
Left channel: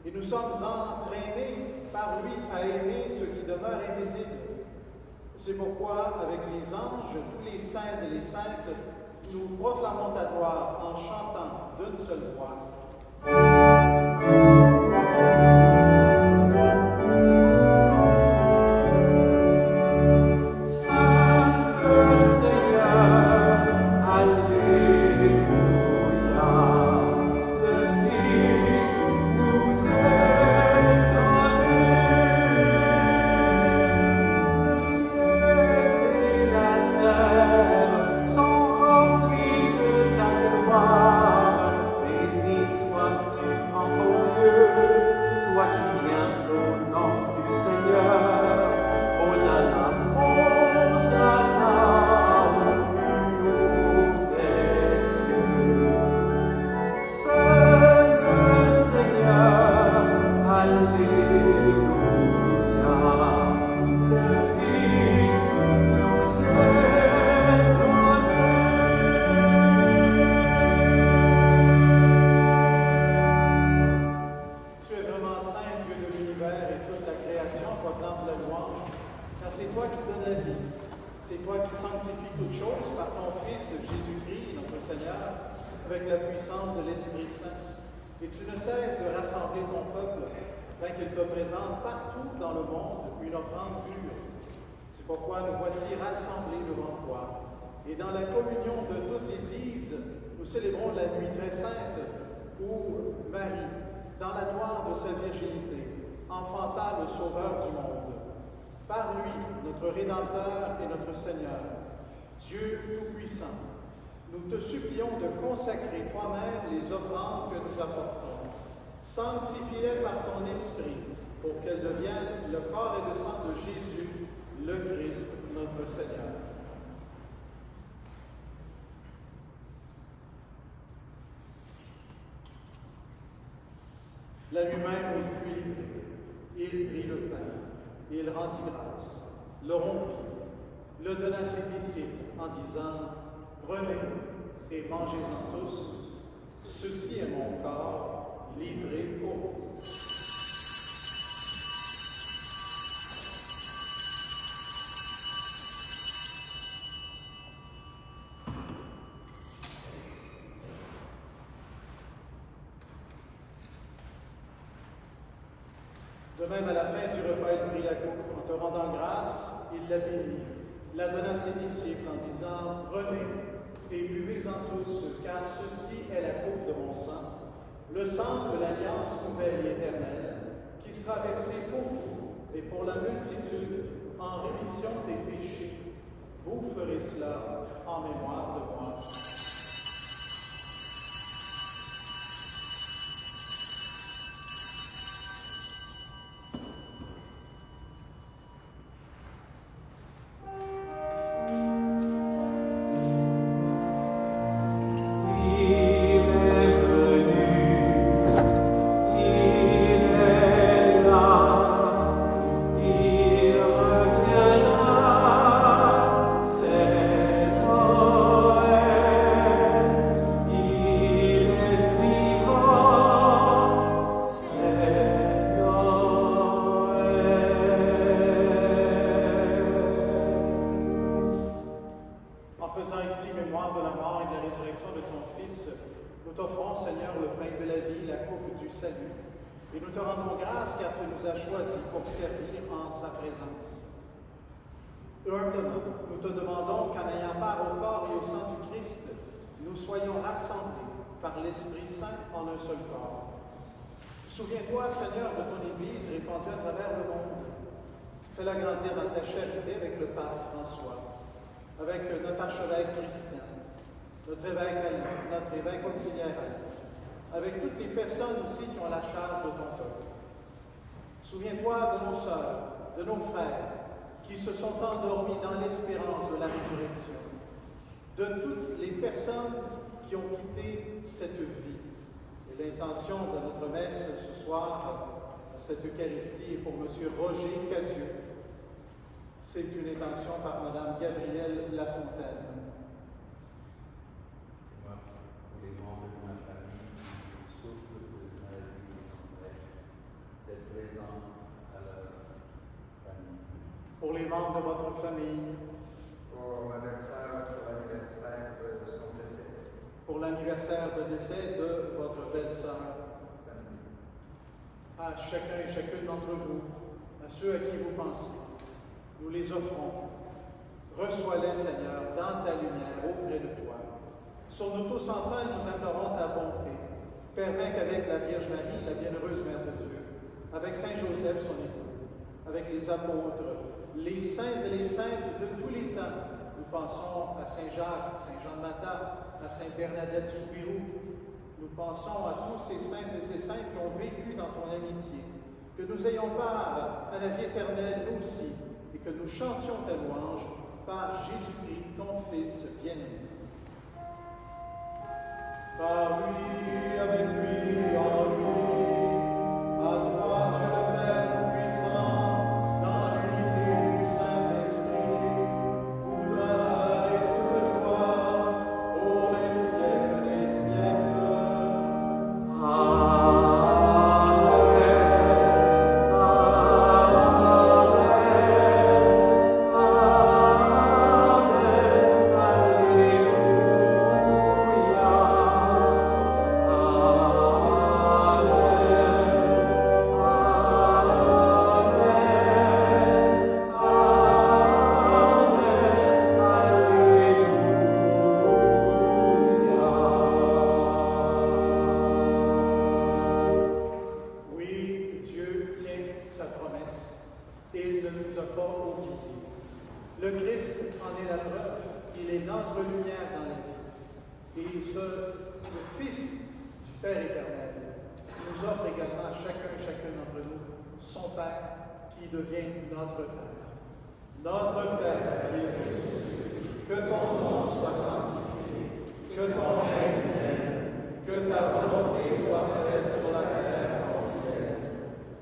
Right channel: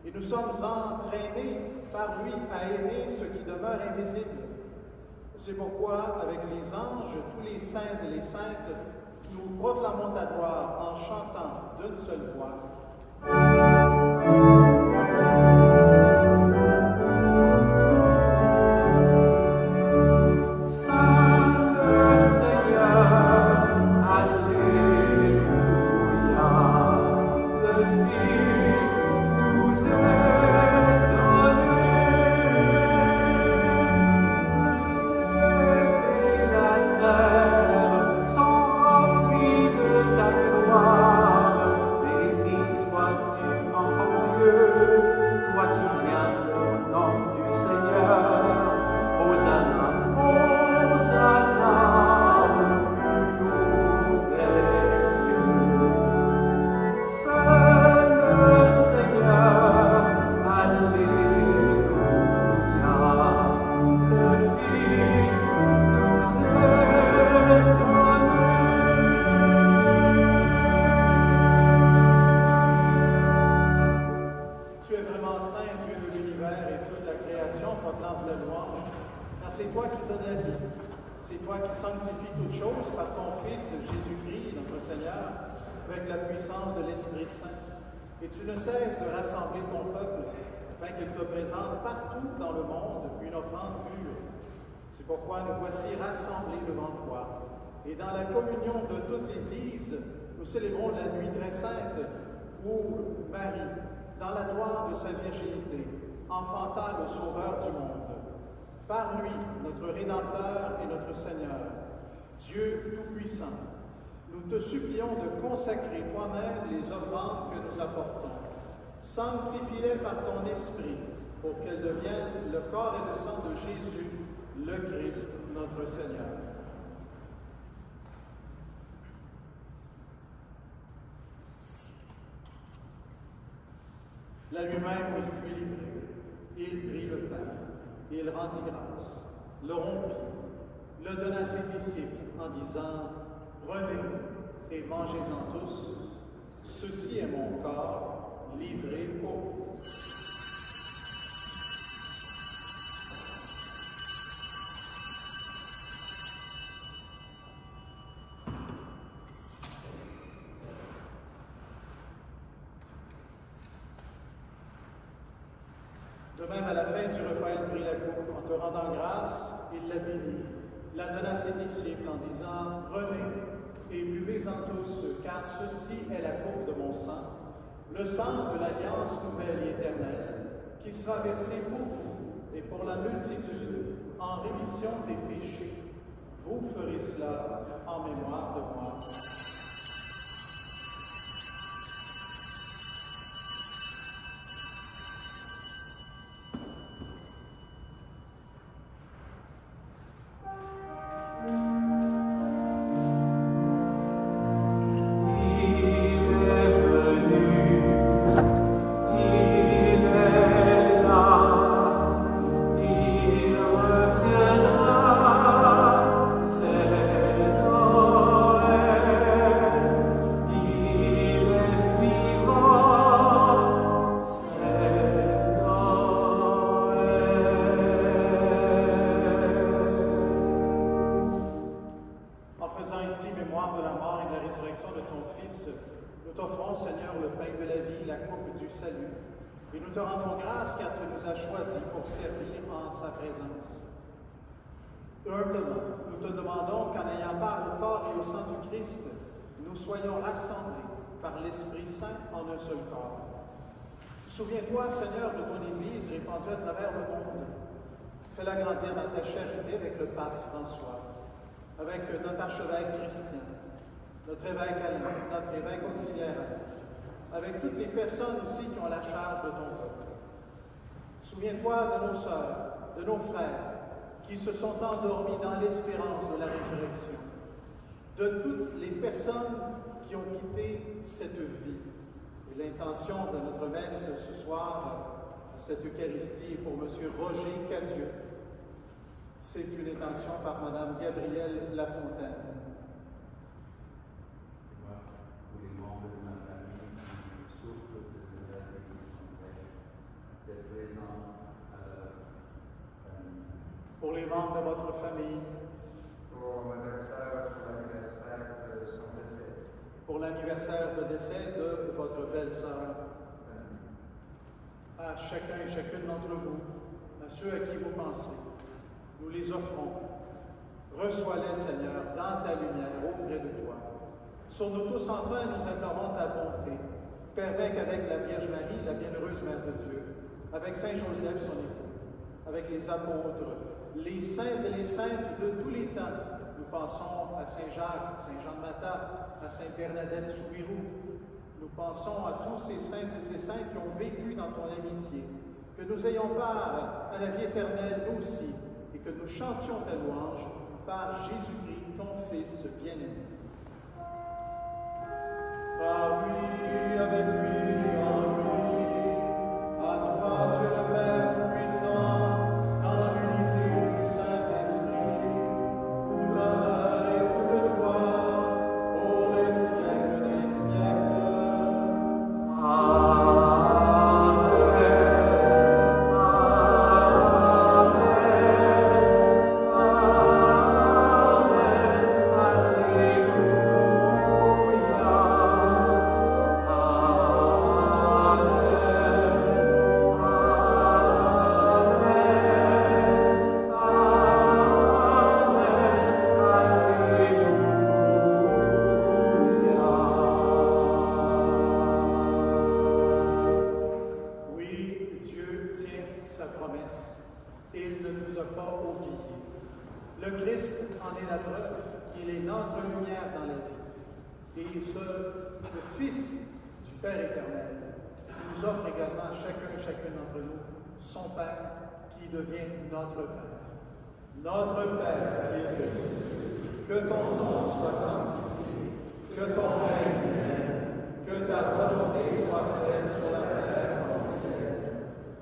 et nous sommes entraînés par lui à aimer ce qui demeure invisible. C'est pourquoi, avec les anges, tous les saints et les saintes, nous proclamons ta gloire en chantant d'une seule voix. Pourquoi nous voici rassemblés devant toi. Et dans la communion de toute l'Église, nous célébrons la nuit très sainte où Marie, dans la gloire de sa virginité, enfanta le Sauveur du monde. Par lui, notre Rédempteur et notre Seigneur, Dieu Tout-Puissant, nous te supplions de consacrer toi-même les offrandes que nous apportons. Sanctifie-les par ton Esprit pour qu'elles deviennent le corps et le sang de Jésus, le Christ, notre Seigneur. La nuit même où il fut livré, il prit le pain, il rendit grâce, le rompit, le donna à ses disciples en disant « Prenez et mangez-en tous, ceci est mon corps livré pour vous. » De même, à la fin du repas, il prit la coupe. En te rendant grâce, il la bénit, la donna à ses disciples en disant « Prenez et buvez-en tous, car ceci est la coupe de mon sang, le sang de l'alliance nouvelle et éternelle, qui sera versé pour vous et pour la multitude en rémission des péchés. Vous ferez cela en mémoire de moi. » Et nous te rendons grâce car tu nous as choisis pour servir en sa présence. Humblement, nous te demandons qu'en ayant part au corps et au sang du Christ, nous soyons rassemblés par l'Esprit Saint en un seul corps. Souviens-toi, Seigneur, de ton Église répandue à travers le monde. Fais-la grandir dans ta charité avec le pape François, avec notre archevêque Christian, notre évêque Alain, notre évêque auxiliaire Alain, avec toutes les personnes aussi qui ont la charge de ton peuple. Souviens-toi de nos sœurs, de nos frères, qui se sont endormis dans l'espérance de la résurrection, de toutes les personnes qui ont quitté cette vie. Et l'intention de notre messe ce soir, cette Eucharistie, est pour M. Roger Cadieux. C'est une intention par Mme Gabrielle Lafontaine. Moi, pour les membres de ma famille qui souffrent de maladies qui s'empêchent d'être présents à leur famille. Pour les membres de votre famille, pour ma belle-sœur, pour l'anniversaire de son décès. pour l'anniversaire de décès de votre belle-sœur, à chacun et chacune d'entre vous, à ceux à qui vous pensez, nous les offrons. Reçois-les, Seigneur, dans ta lumière, auprès de toi. Sur nous tous, enfin, nous implorons ta bonté. Permets qu'avec la Vierge Marie, la bienheureuse Mère de Dieu, avec Saint Joseph, son époux, avec les apôtres, les saints et les saintes de tous les temps, nous pensons à Saint Jacques, Saint Jean de Mata, à Sainte Bernadette Soubirous. Nous pensons à tous ces saints et ces saintes qui ont vécu dans ton amitié. Que nous ayons part à la vie éternelle, nous aussi, et que nous chantions ta louange par Jésus-Christ, ton Fils bien-aimé. Par lui, avec lui, en lui, à toi, Dieu le Père Tout-Puissant, dans l'unité du Saint-Esprit, tout honneur et toute gloire, pour les siècles des siècles. Oui, Dieu tient sa promesse. Il ne nous a pas oubliés. Le Christ en est la preuve. Il est notre lumière dans la vie. Et le Fils du Père éternel nous offre également à chacun et chacune d'entre nous son Père qui devient notre Père. Notre Père qui es aux cieux, que ton nom soit sanctifié, que ton règne vienne, que ta volonté soit faite sur la terre comme au ciel.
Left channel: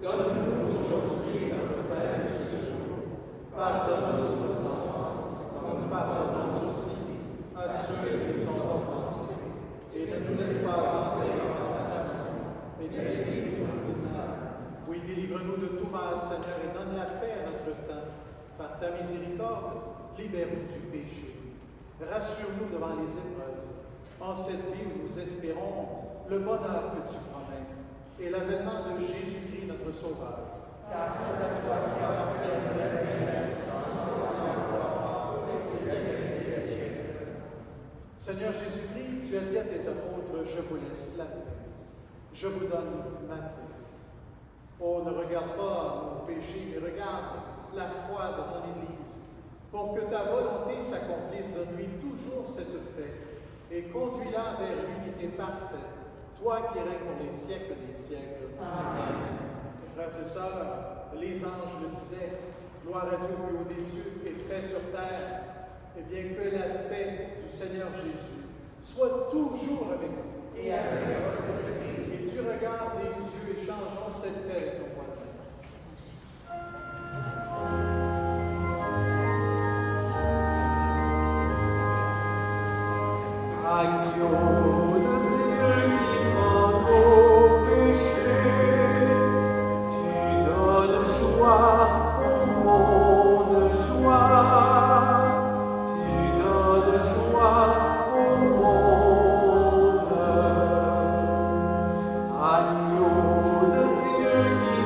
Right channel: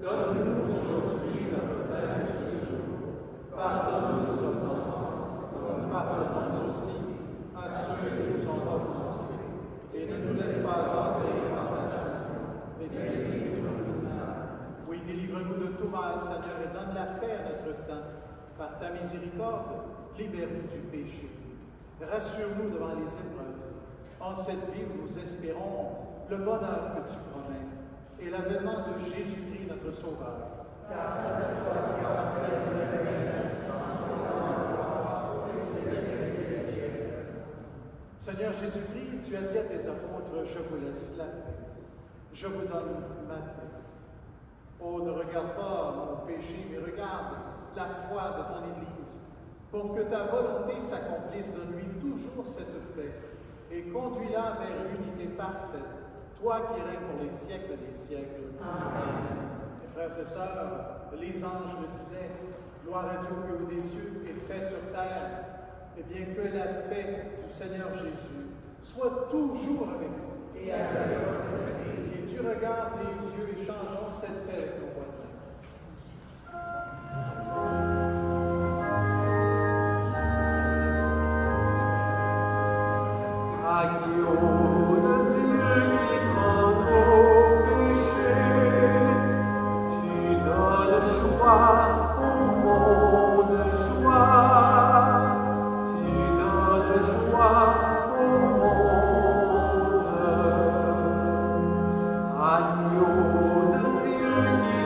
Donne-nous aujourd'hui notre pain de ce jour. Pardonne nos offenses, comme nous pardonnons aussi à ceux qui nous ont offensés. Et ne nous laisse pas entrer en tentation, mais délivre-nous du mal. Oui, délivre-nous de tout mal, Seigneur, et donne la paix à notre temps. Par ta miséricorde, libère-nous du péché. Rassure-nous devant les épreuves. En cette vie où nous espérons le bonheur que tu promets et l'avènement de Jésus-Christ, notre Sauveur. Car c'est à toi qui appartient la puissance, la gloire, pour les siècles des siècles. Seigneur Jésus-Christ, tu as dit à tes apôtres, je vous laisse la paix. Je vous donne ma paix. Oh, ne regarde pas nos péchés, mais regarde la foi de ton Église. Pour que ta volonté s'accomplisse, donne-lui toujours cette paix et conduis-la vers l'unité parfaite, toi qui règnes pour les siècles des siècles. Amen. Frères et sœurs, les anges le disaient, gloire à Dieu au plus haut des cieux et paix sur terre. Eh bien, que la paix du Seigneur Jésus soit toujours avec vous. Et avec votre esprit. Et tu regardes les yeux et changeons cette paix avec nos voisins. Agneau de Dieu qui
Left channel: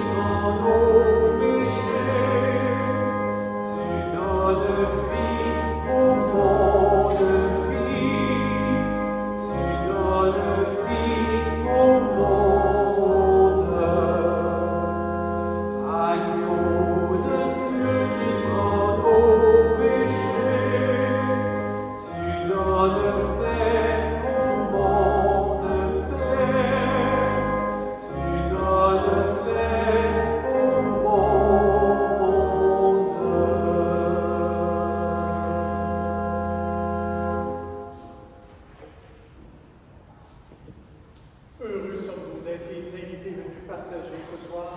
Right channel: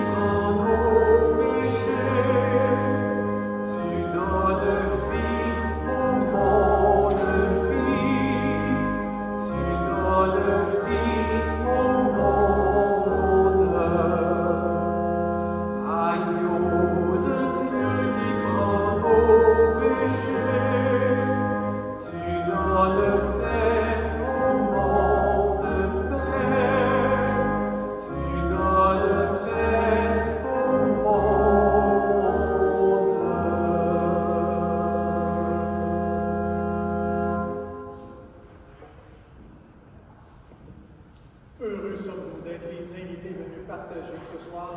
nous d'être les invités venus partager ce soir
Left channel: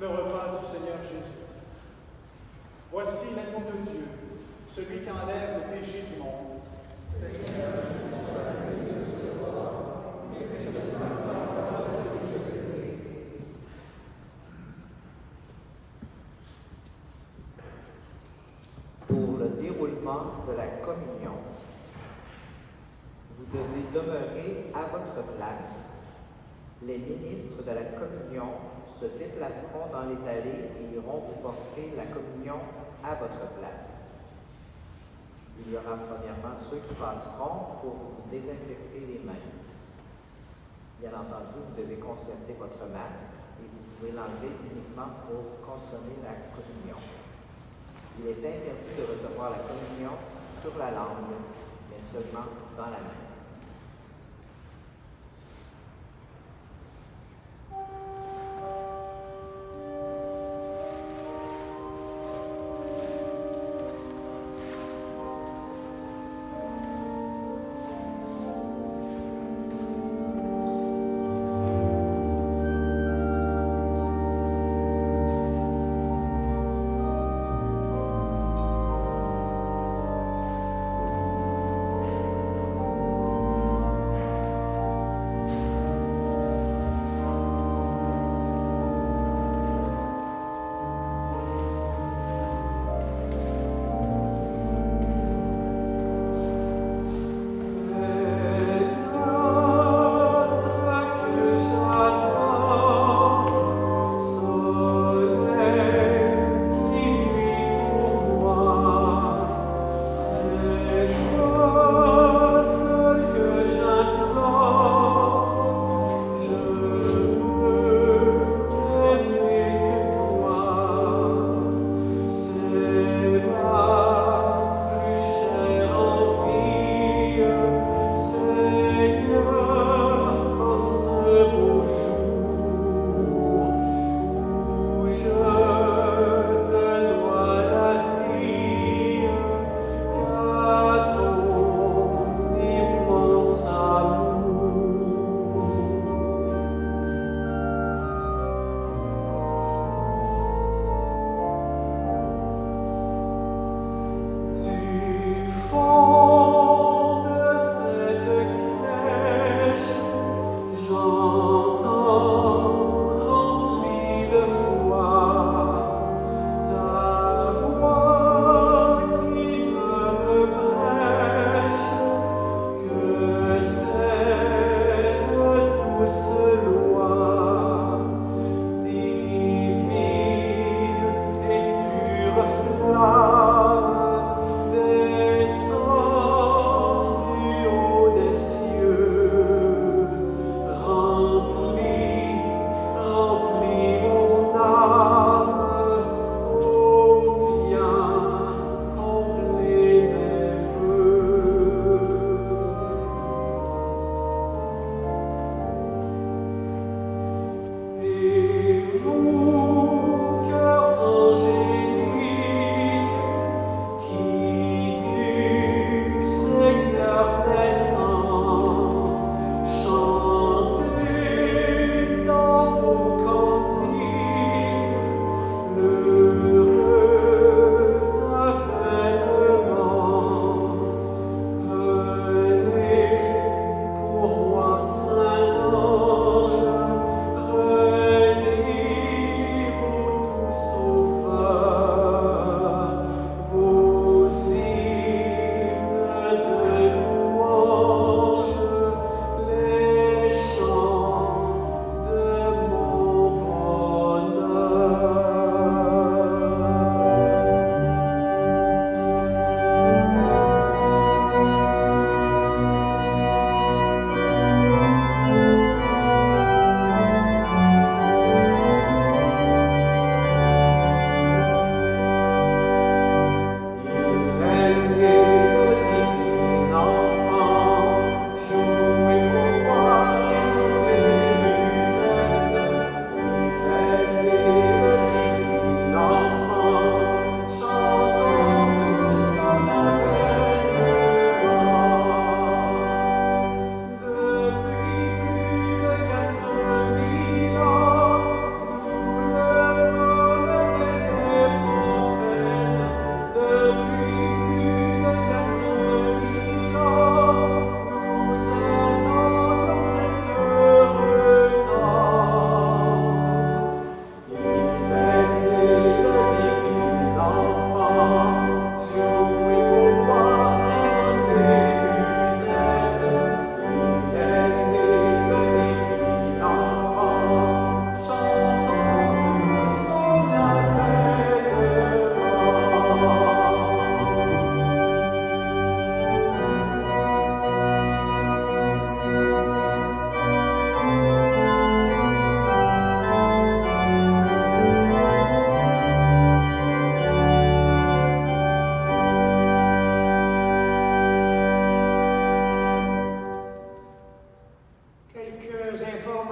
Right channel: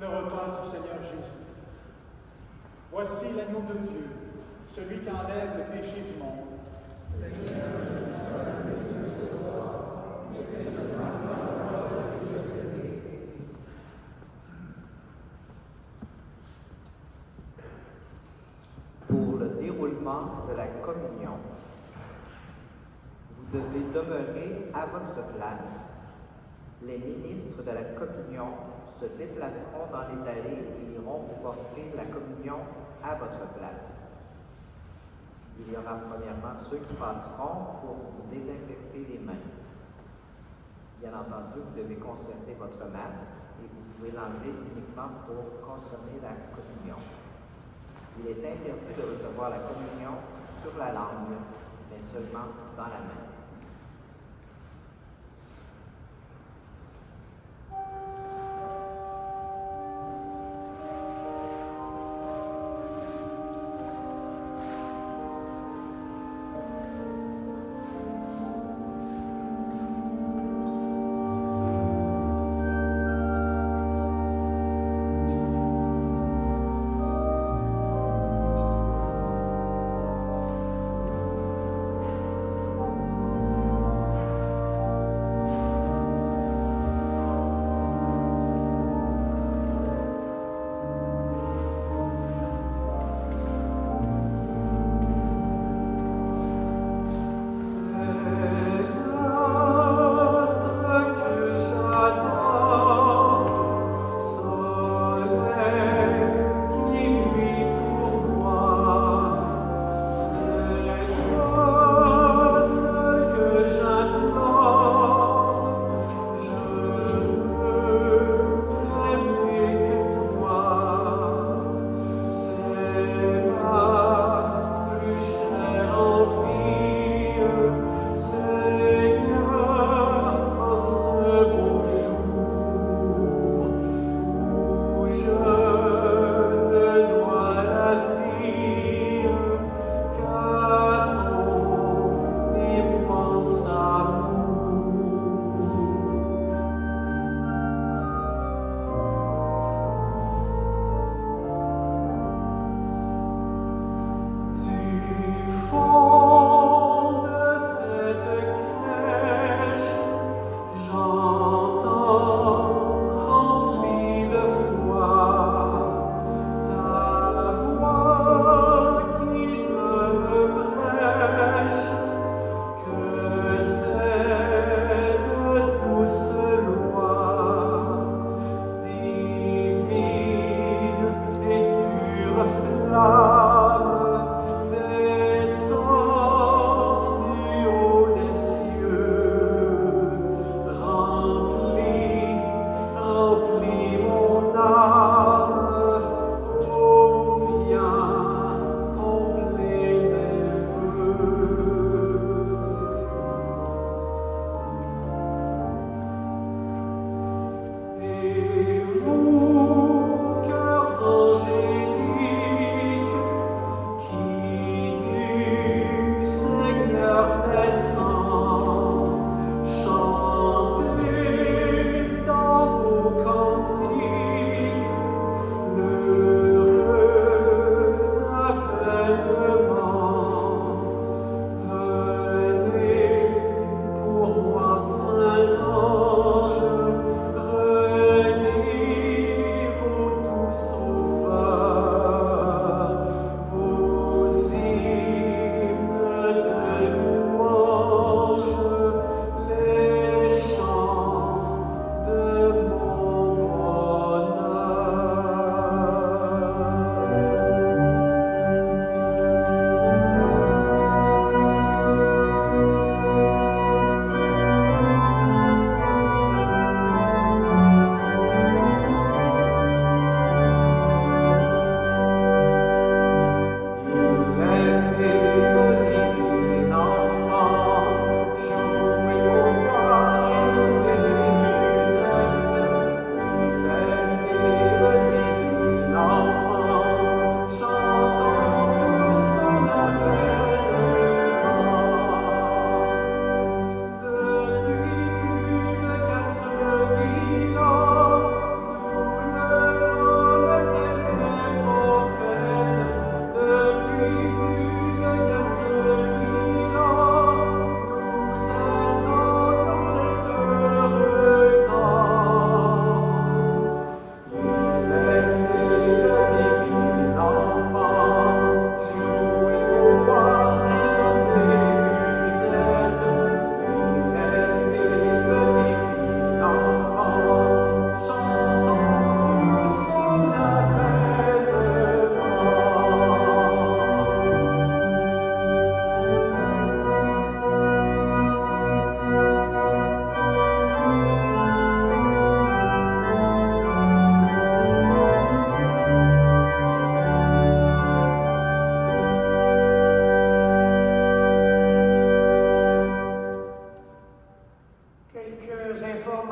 le repas du Seigneur Jésus. Voici l'agneau de Dieu, celui qui enlève le péché du monde. Seigneur, je suis pas digne de ce soir, mais c'est seulement la parole que je sais. Pour le déroulement de la communion, vous devez demeurer à votre place. Les ministres de la communion se déplaceront dans les allées et iront vous porter la communion à votre place. Il y aura premièrement ceux qui passeront pour vous désinfecter les mains. Bien entendu, vous devez conserver votre masque et vous pouvez l'enlever uniquement pour consommer la communion. Il est interdit de recevoir la communion sur la langue, mais seulement dans la main.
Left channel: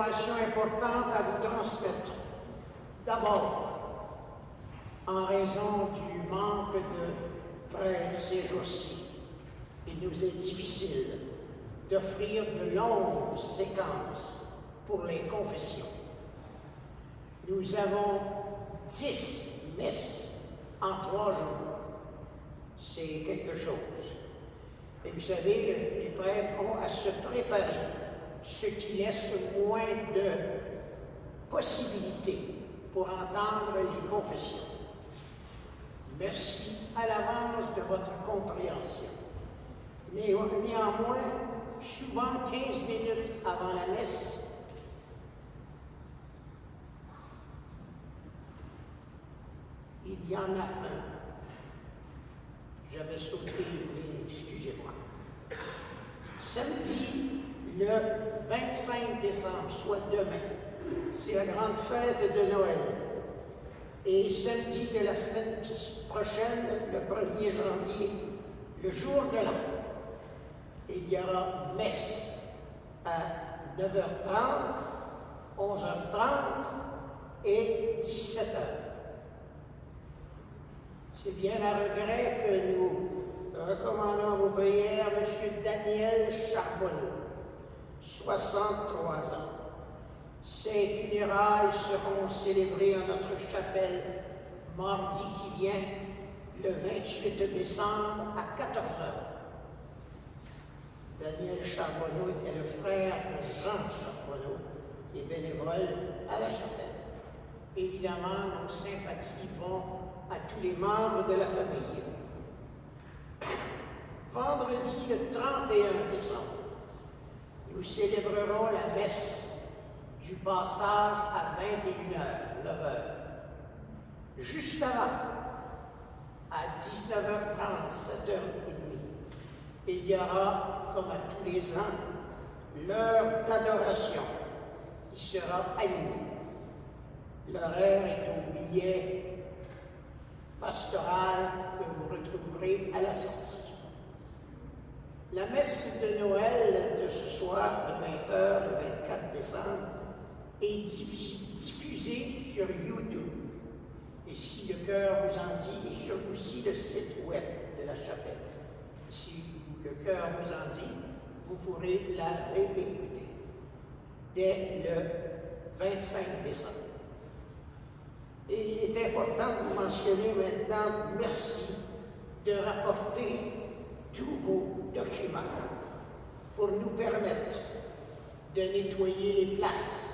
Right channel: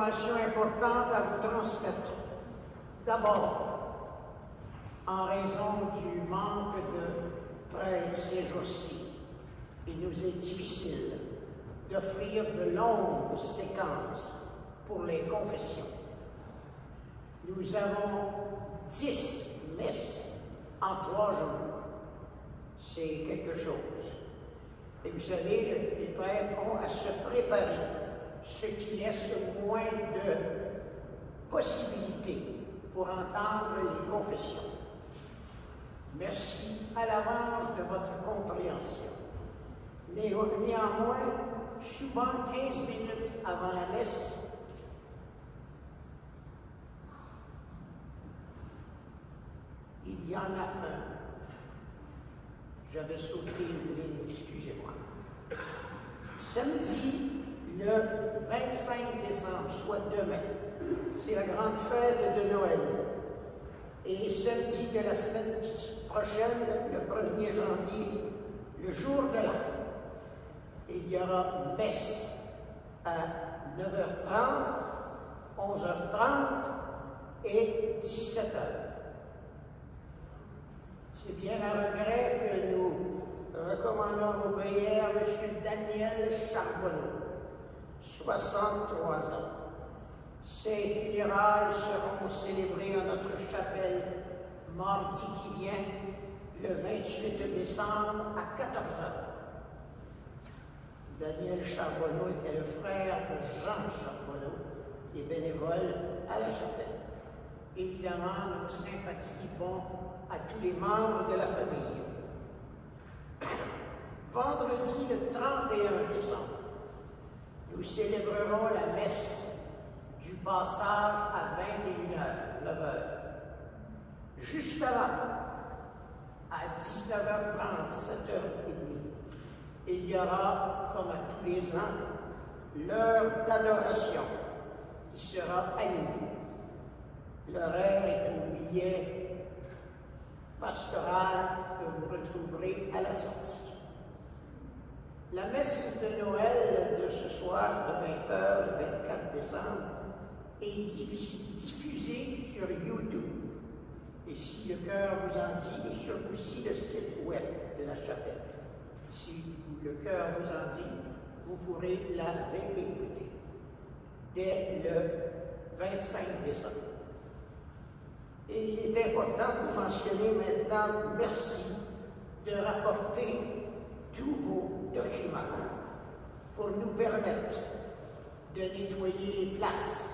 informations importantes à vous transmettre. D'abord, en raison du manque de prêtres ces jours-ci, il nous est difficile d'offrir de longues séquences pour les confessions. Nous avons 10 messes en 3 jours. C'est quelque chose. Et vous savez, les prêtres ont à se préparer, ce qui laisse moins de possibilités pour entendre les confessions. Merci à l'avance de votre compréhension. Néanmoins, souvent 15 minutes avant la messe, il y en a un. J'avais sauté une ligne, excusez-moi. Samedi, le 25 décembre, soit demain, c'est la grande fête de Noël. Et samedi de la semaine prochaine, le 1er janvier, le jour de l'an, il y aura messe à 9h30, 11h30 et 17h. C'est bien à regret que nous recommandons vos prières M. Daniel Charbonneau, 63 ans. Ses funérailles seront célébrées à notre chapelle mardi qui vient, le 28 décembre à 14h. Daniel Charbonneau était le frère de Jean Charbonneau et bénévole à la chapelle. Évidemment, nos sympathies vont à tous les membres de la famille. Vendredi le 31 décembre, nous célébrerons la messe du passage à 21h, 9h. Juste avant, à 19h30, 7h30, il y aura, comme à tous les ans, l'heure d'adoration qui sera animée. L'horaire est au billet pastoral que vous retrouverez à la sortie. La messe de Noël de ce soir de 20h, le 24 décembre, est diffusée sur YouTube. Et si le cœur vous en dit, et sur aussi le site web de la chapelle. Si le cœur vous en dit, vous pourrez la réécouter dès le 25 décembre. Et il est important de mentionner maintenant, merci de rapporter tous vos documents pour nous permettre de nettoyer les places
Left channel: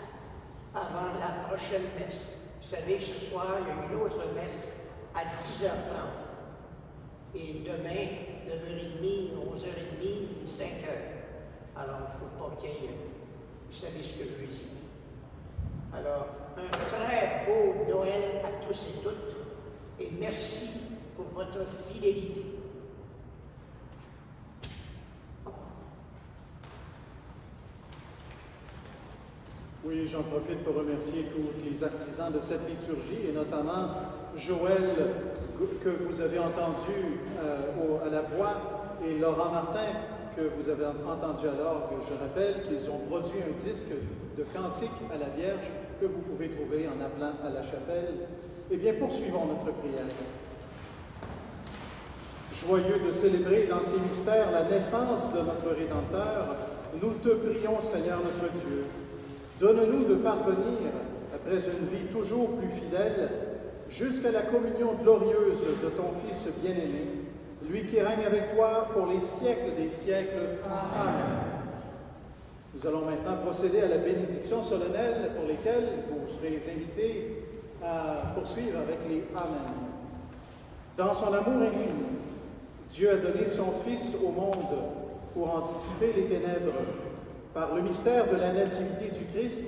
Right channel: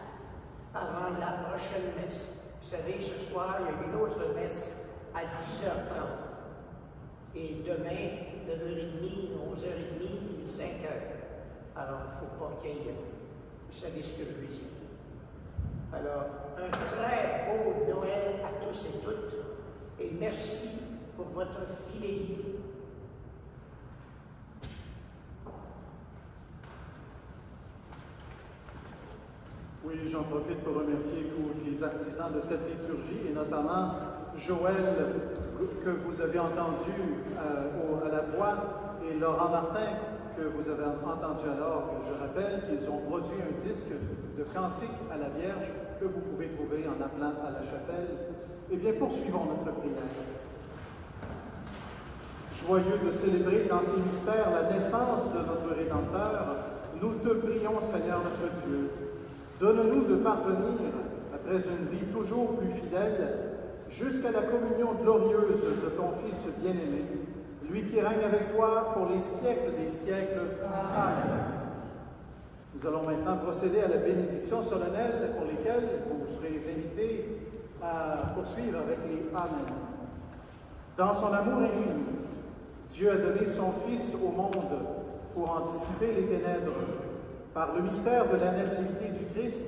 avant la prochaine messe. Vous savez que ce soir, il y a une autre messe à 10h30. Et demain, 9h30, 11h30, 5h. Alors, il ne faut pas qu'il y ait... Vous savez ce que je veux dire. Alors, un très beau Noël à tous et toutes. Et merci pour votre fidélité. Oui, j'en profite pour remercier tous les artisans de cette liturgie, et notamment Joël, que vous avez entendu à la voix, et Laurent Martin, que vous avez entendu à l'orgue. Je rappelle qu'ils ont produit un disque de cantiques à la Vierge que vous pouvez trouver en appelant à la chapelle. Eh bien, poursuivons notre prière. Joyeux de célébrer dans ces mystères la naissance de notre Rédempteur, nous te prions, Seigneur notre Dieu. Donne-nous de parvenir, après une vie toujours plus fidèle, jusqu'à la communion glorieuse de ton Fils bien-aimé, lui qui règne avec toi pour les siècles des siècles. Amen. Nous allons maintenant procéder à la bénédiction solennelle pour lesquelles vous serez invités à poursuivre avec les Amen. Dans son amour infini, Dieu a donné son Fils au monde pour anticiper les ténèbres. Par le mystère de la nativité du Christ,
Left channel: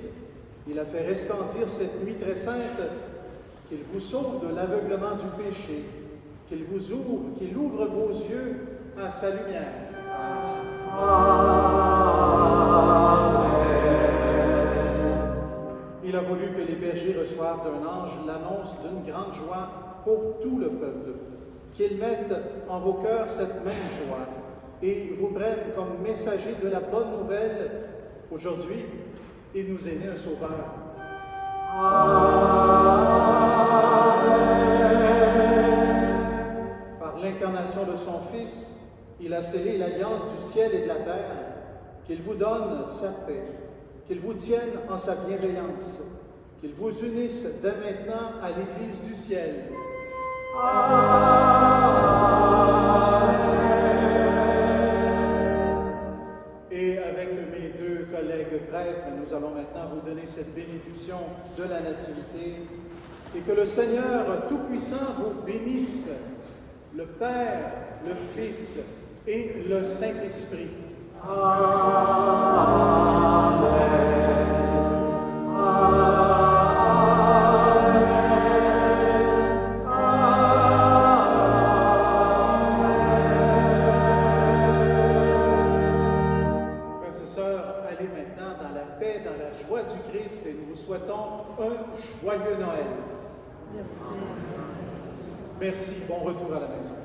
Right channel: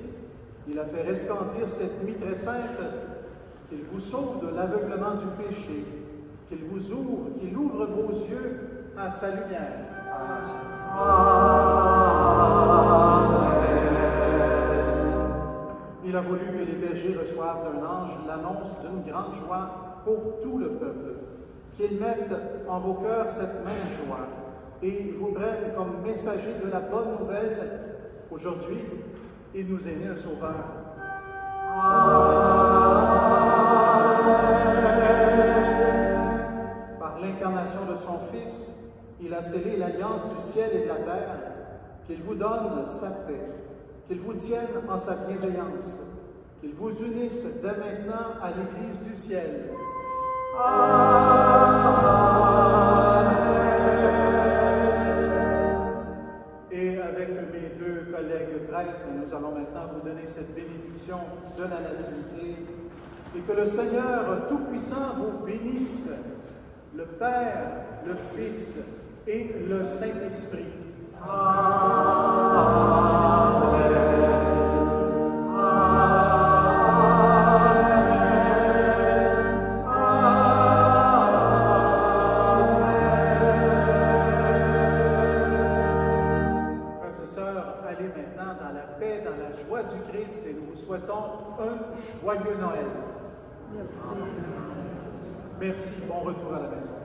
il a fait resplendir cette nuit très sainte, qu'il vous sauve de l'aveuglement du péché, qu'il vous ouvre, qu'il ouvre vos yeux à sa lumière. Amen. Il a voulu que les bergers reçoivent d'un ange l'annonce d'une grande joie pour tout le peuple, qu'ils mettent en vos cœurs cette même joie et vous prennent comme messagers de la bonne nouvelle. Aujourd'hui, il nous est né un sauveur. Par l'incarnation de son Fils, il a scellé l'alliance du ciel et de la terre, qu'il vous donne sa paix, qu'il vous tienne en sa bienveillance, qu'il vous unisse dès maintenant à l'Église du ciel. Et avec mes deux collègues prêtres, nous allons maintenant vous donner cette bénédiction de la Nativité, et que le Seigneur Tout-Puissant vous bénisse, le Père, le Fils et le Saint-Esprit. Allez maintenant dans la paix, dans la joie du Christ, et nous vous souhaitons un joyeux Noël. Merci. Merci. Bon retour à la maison.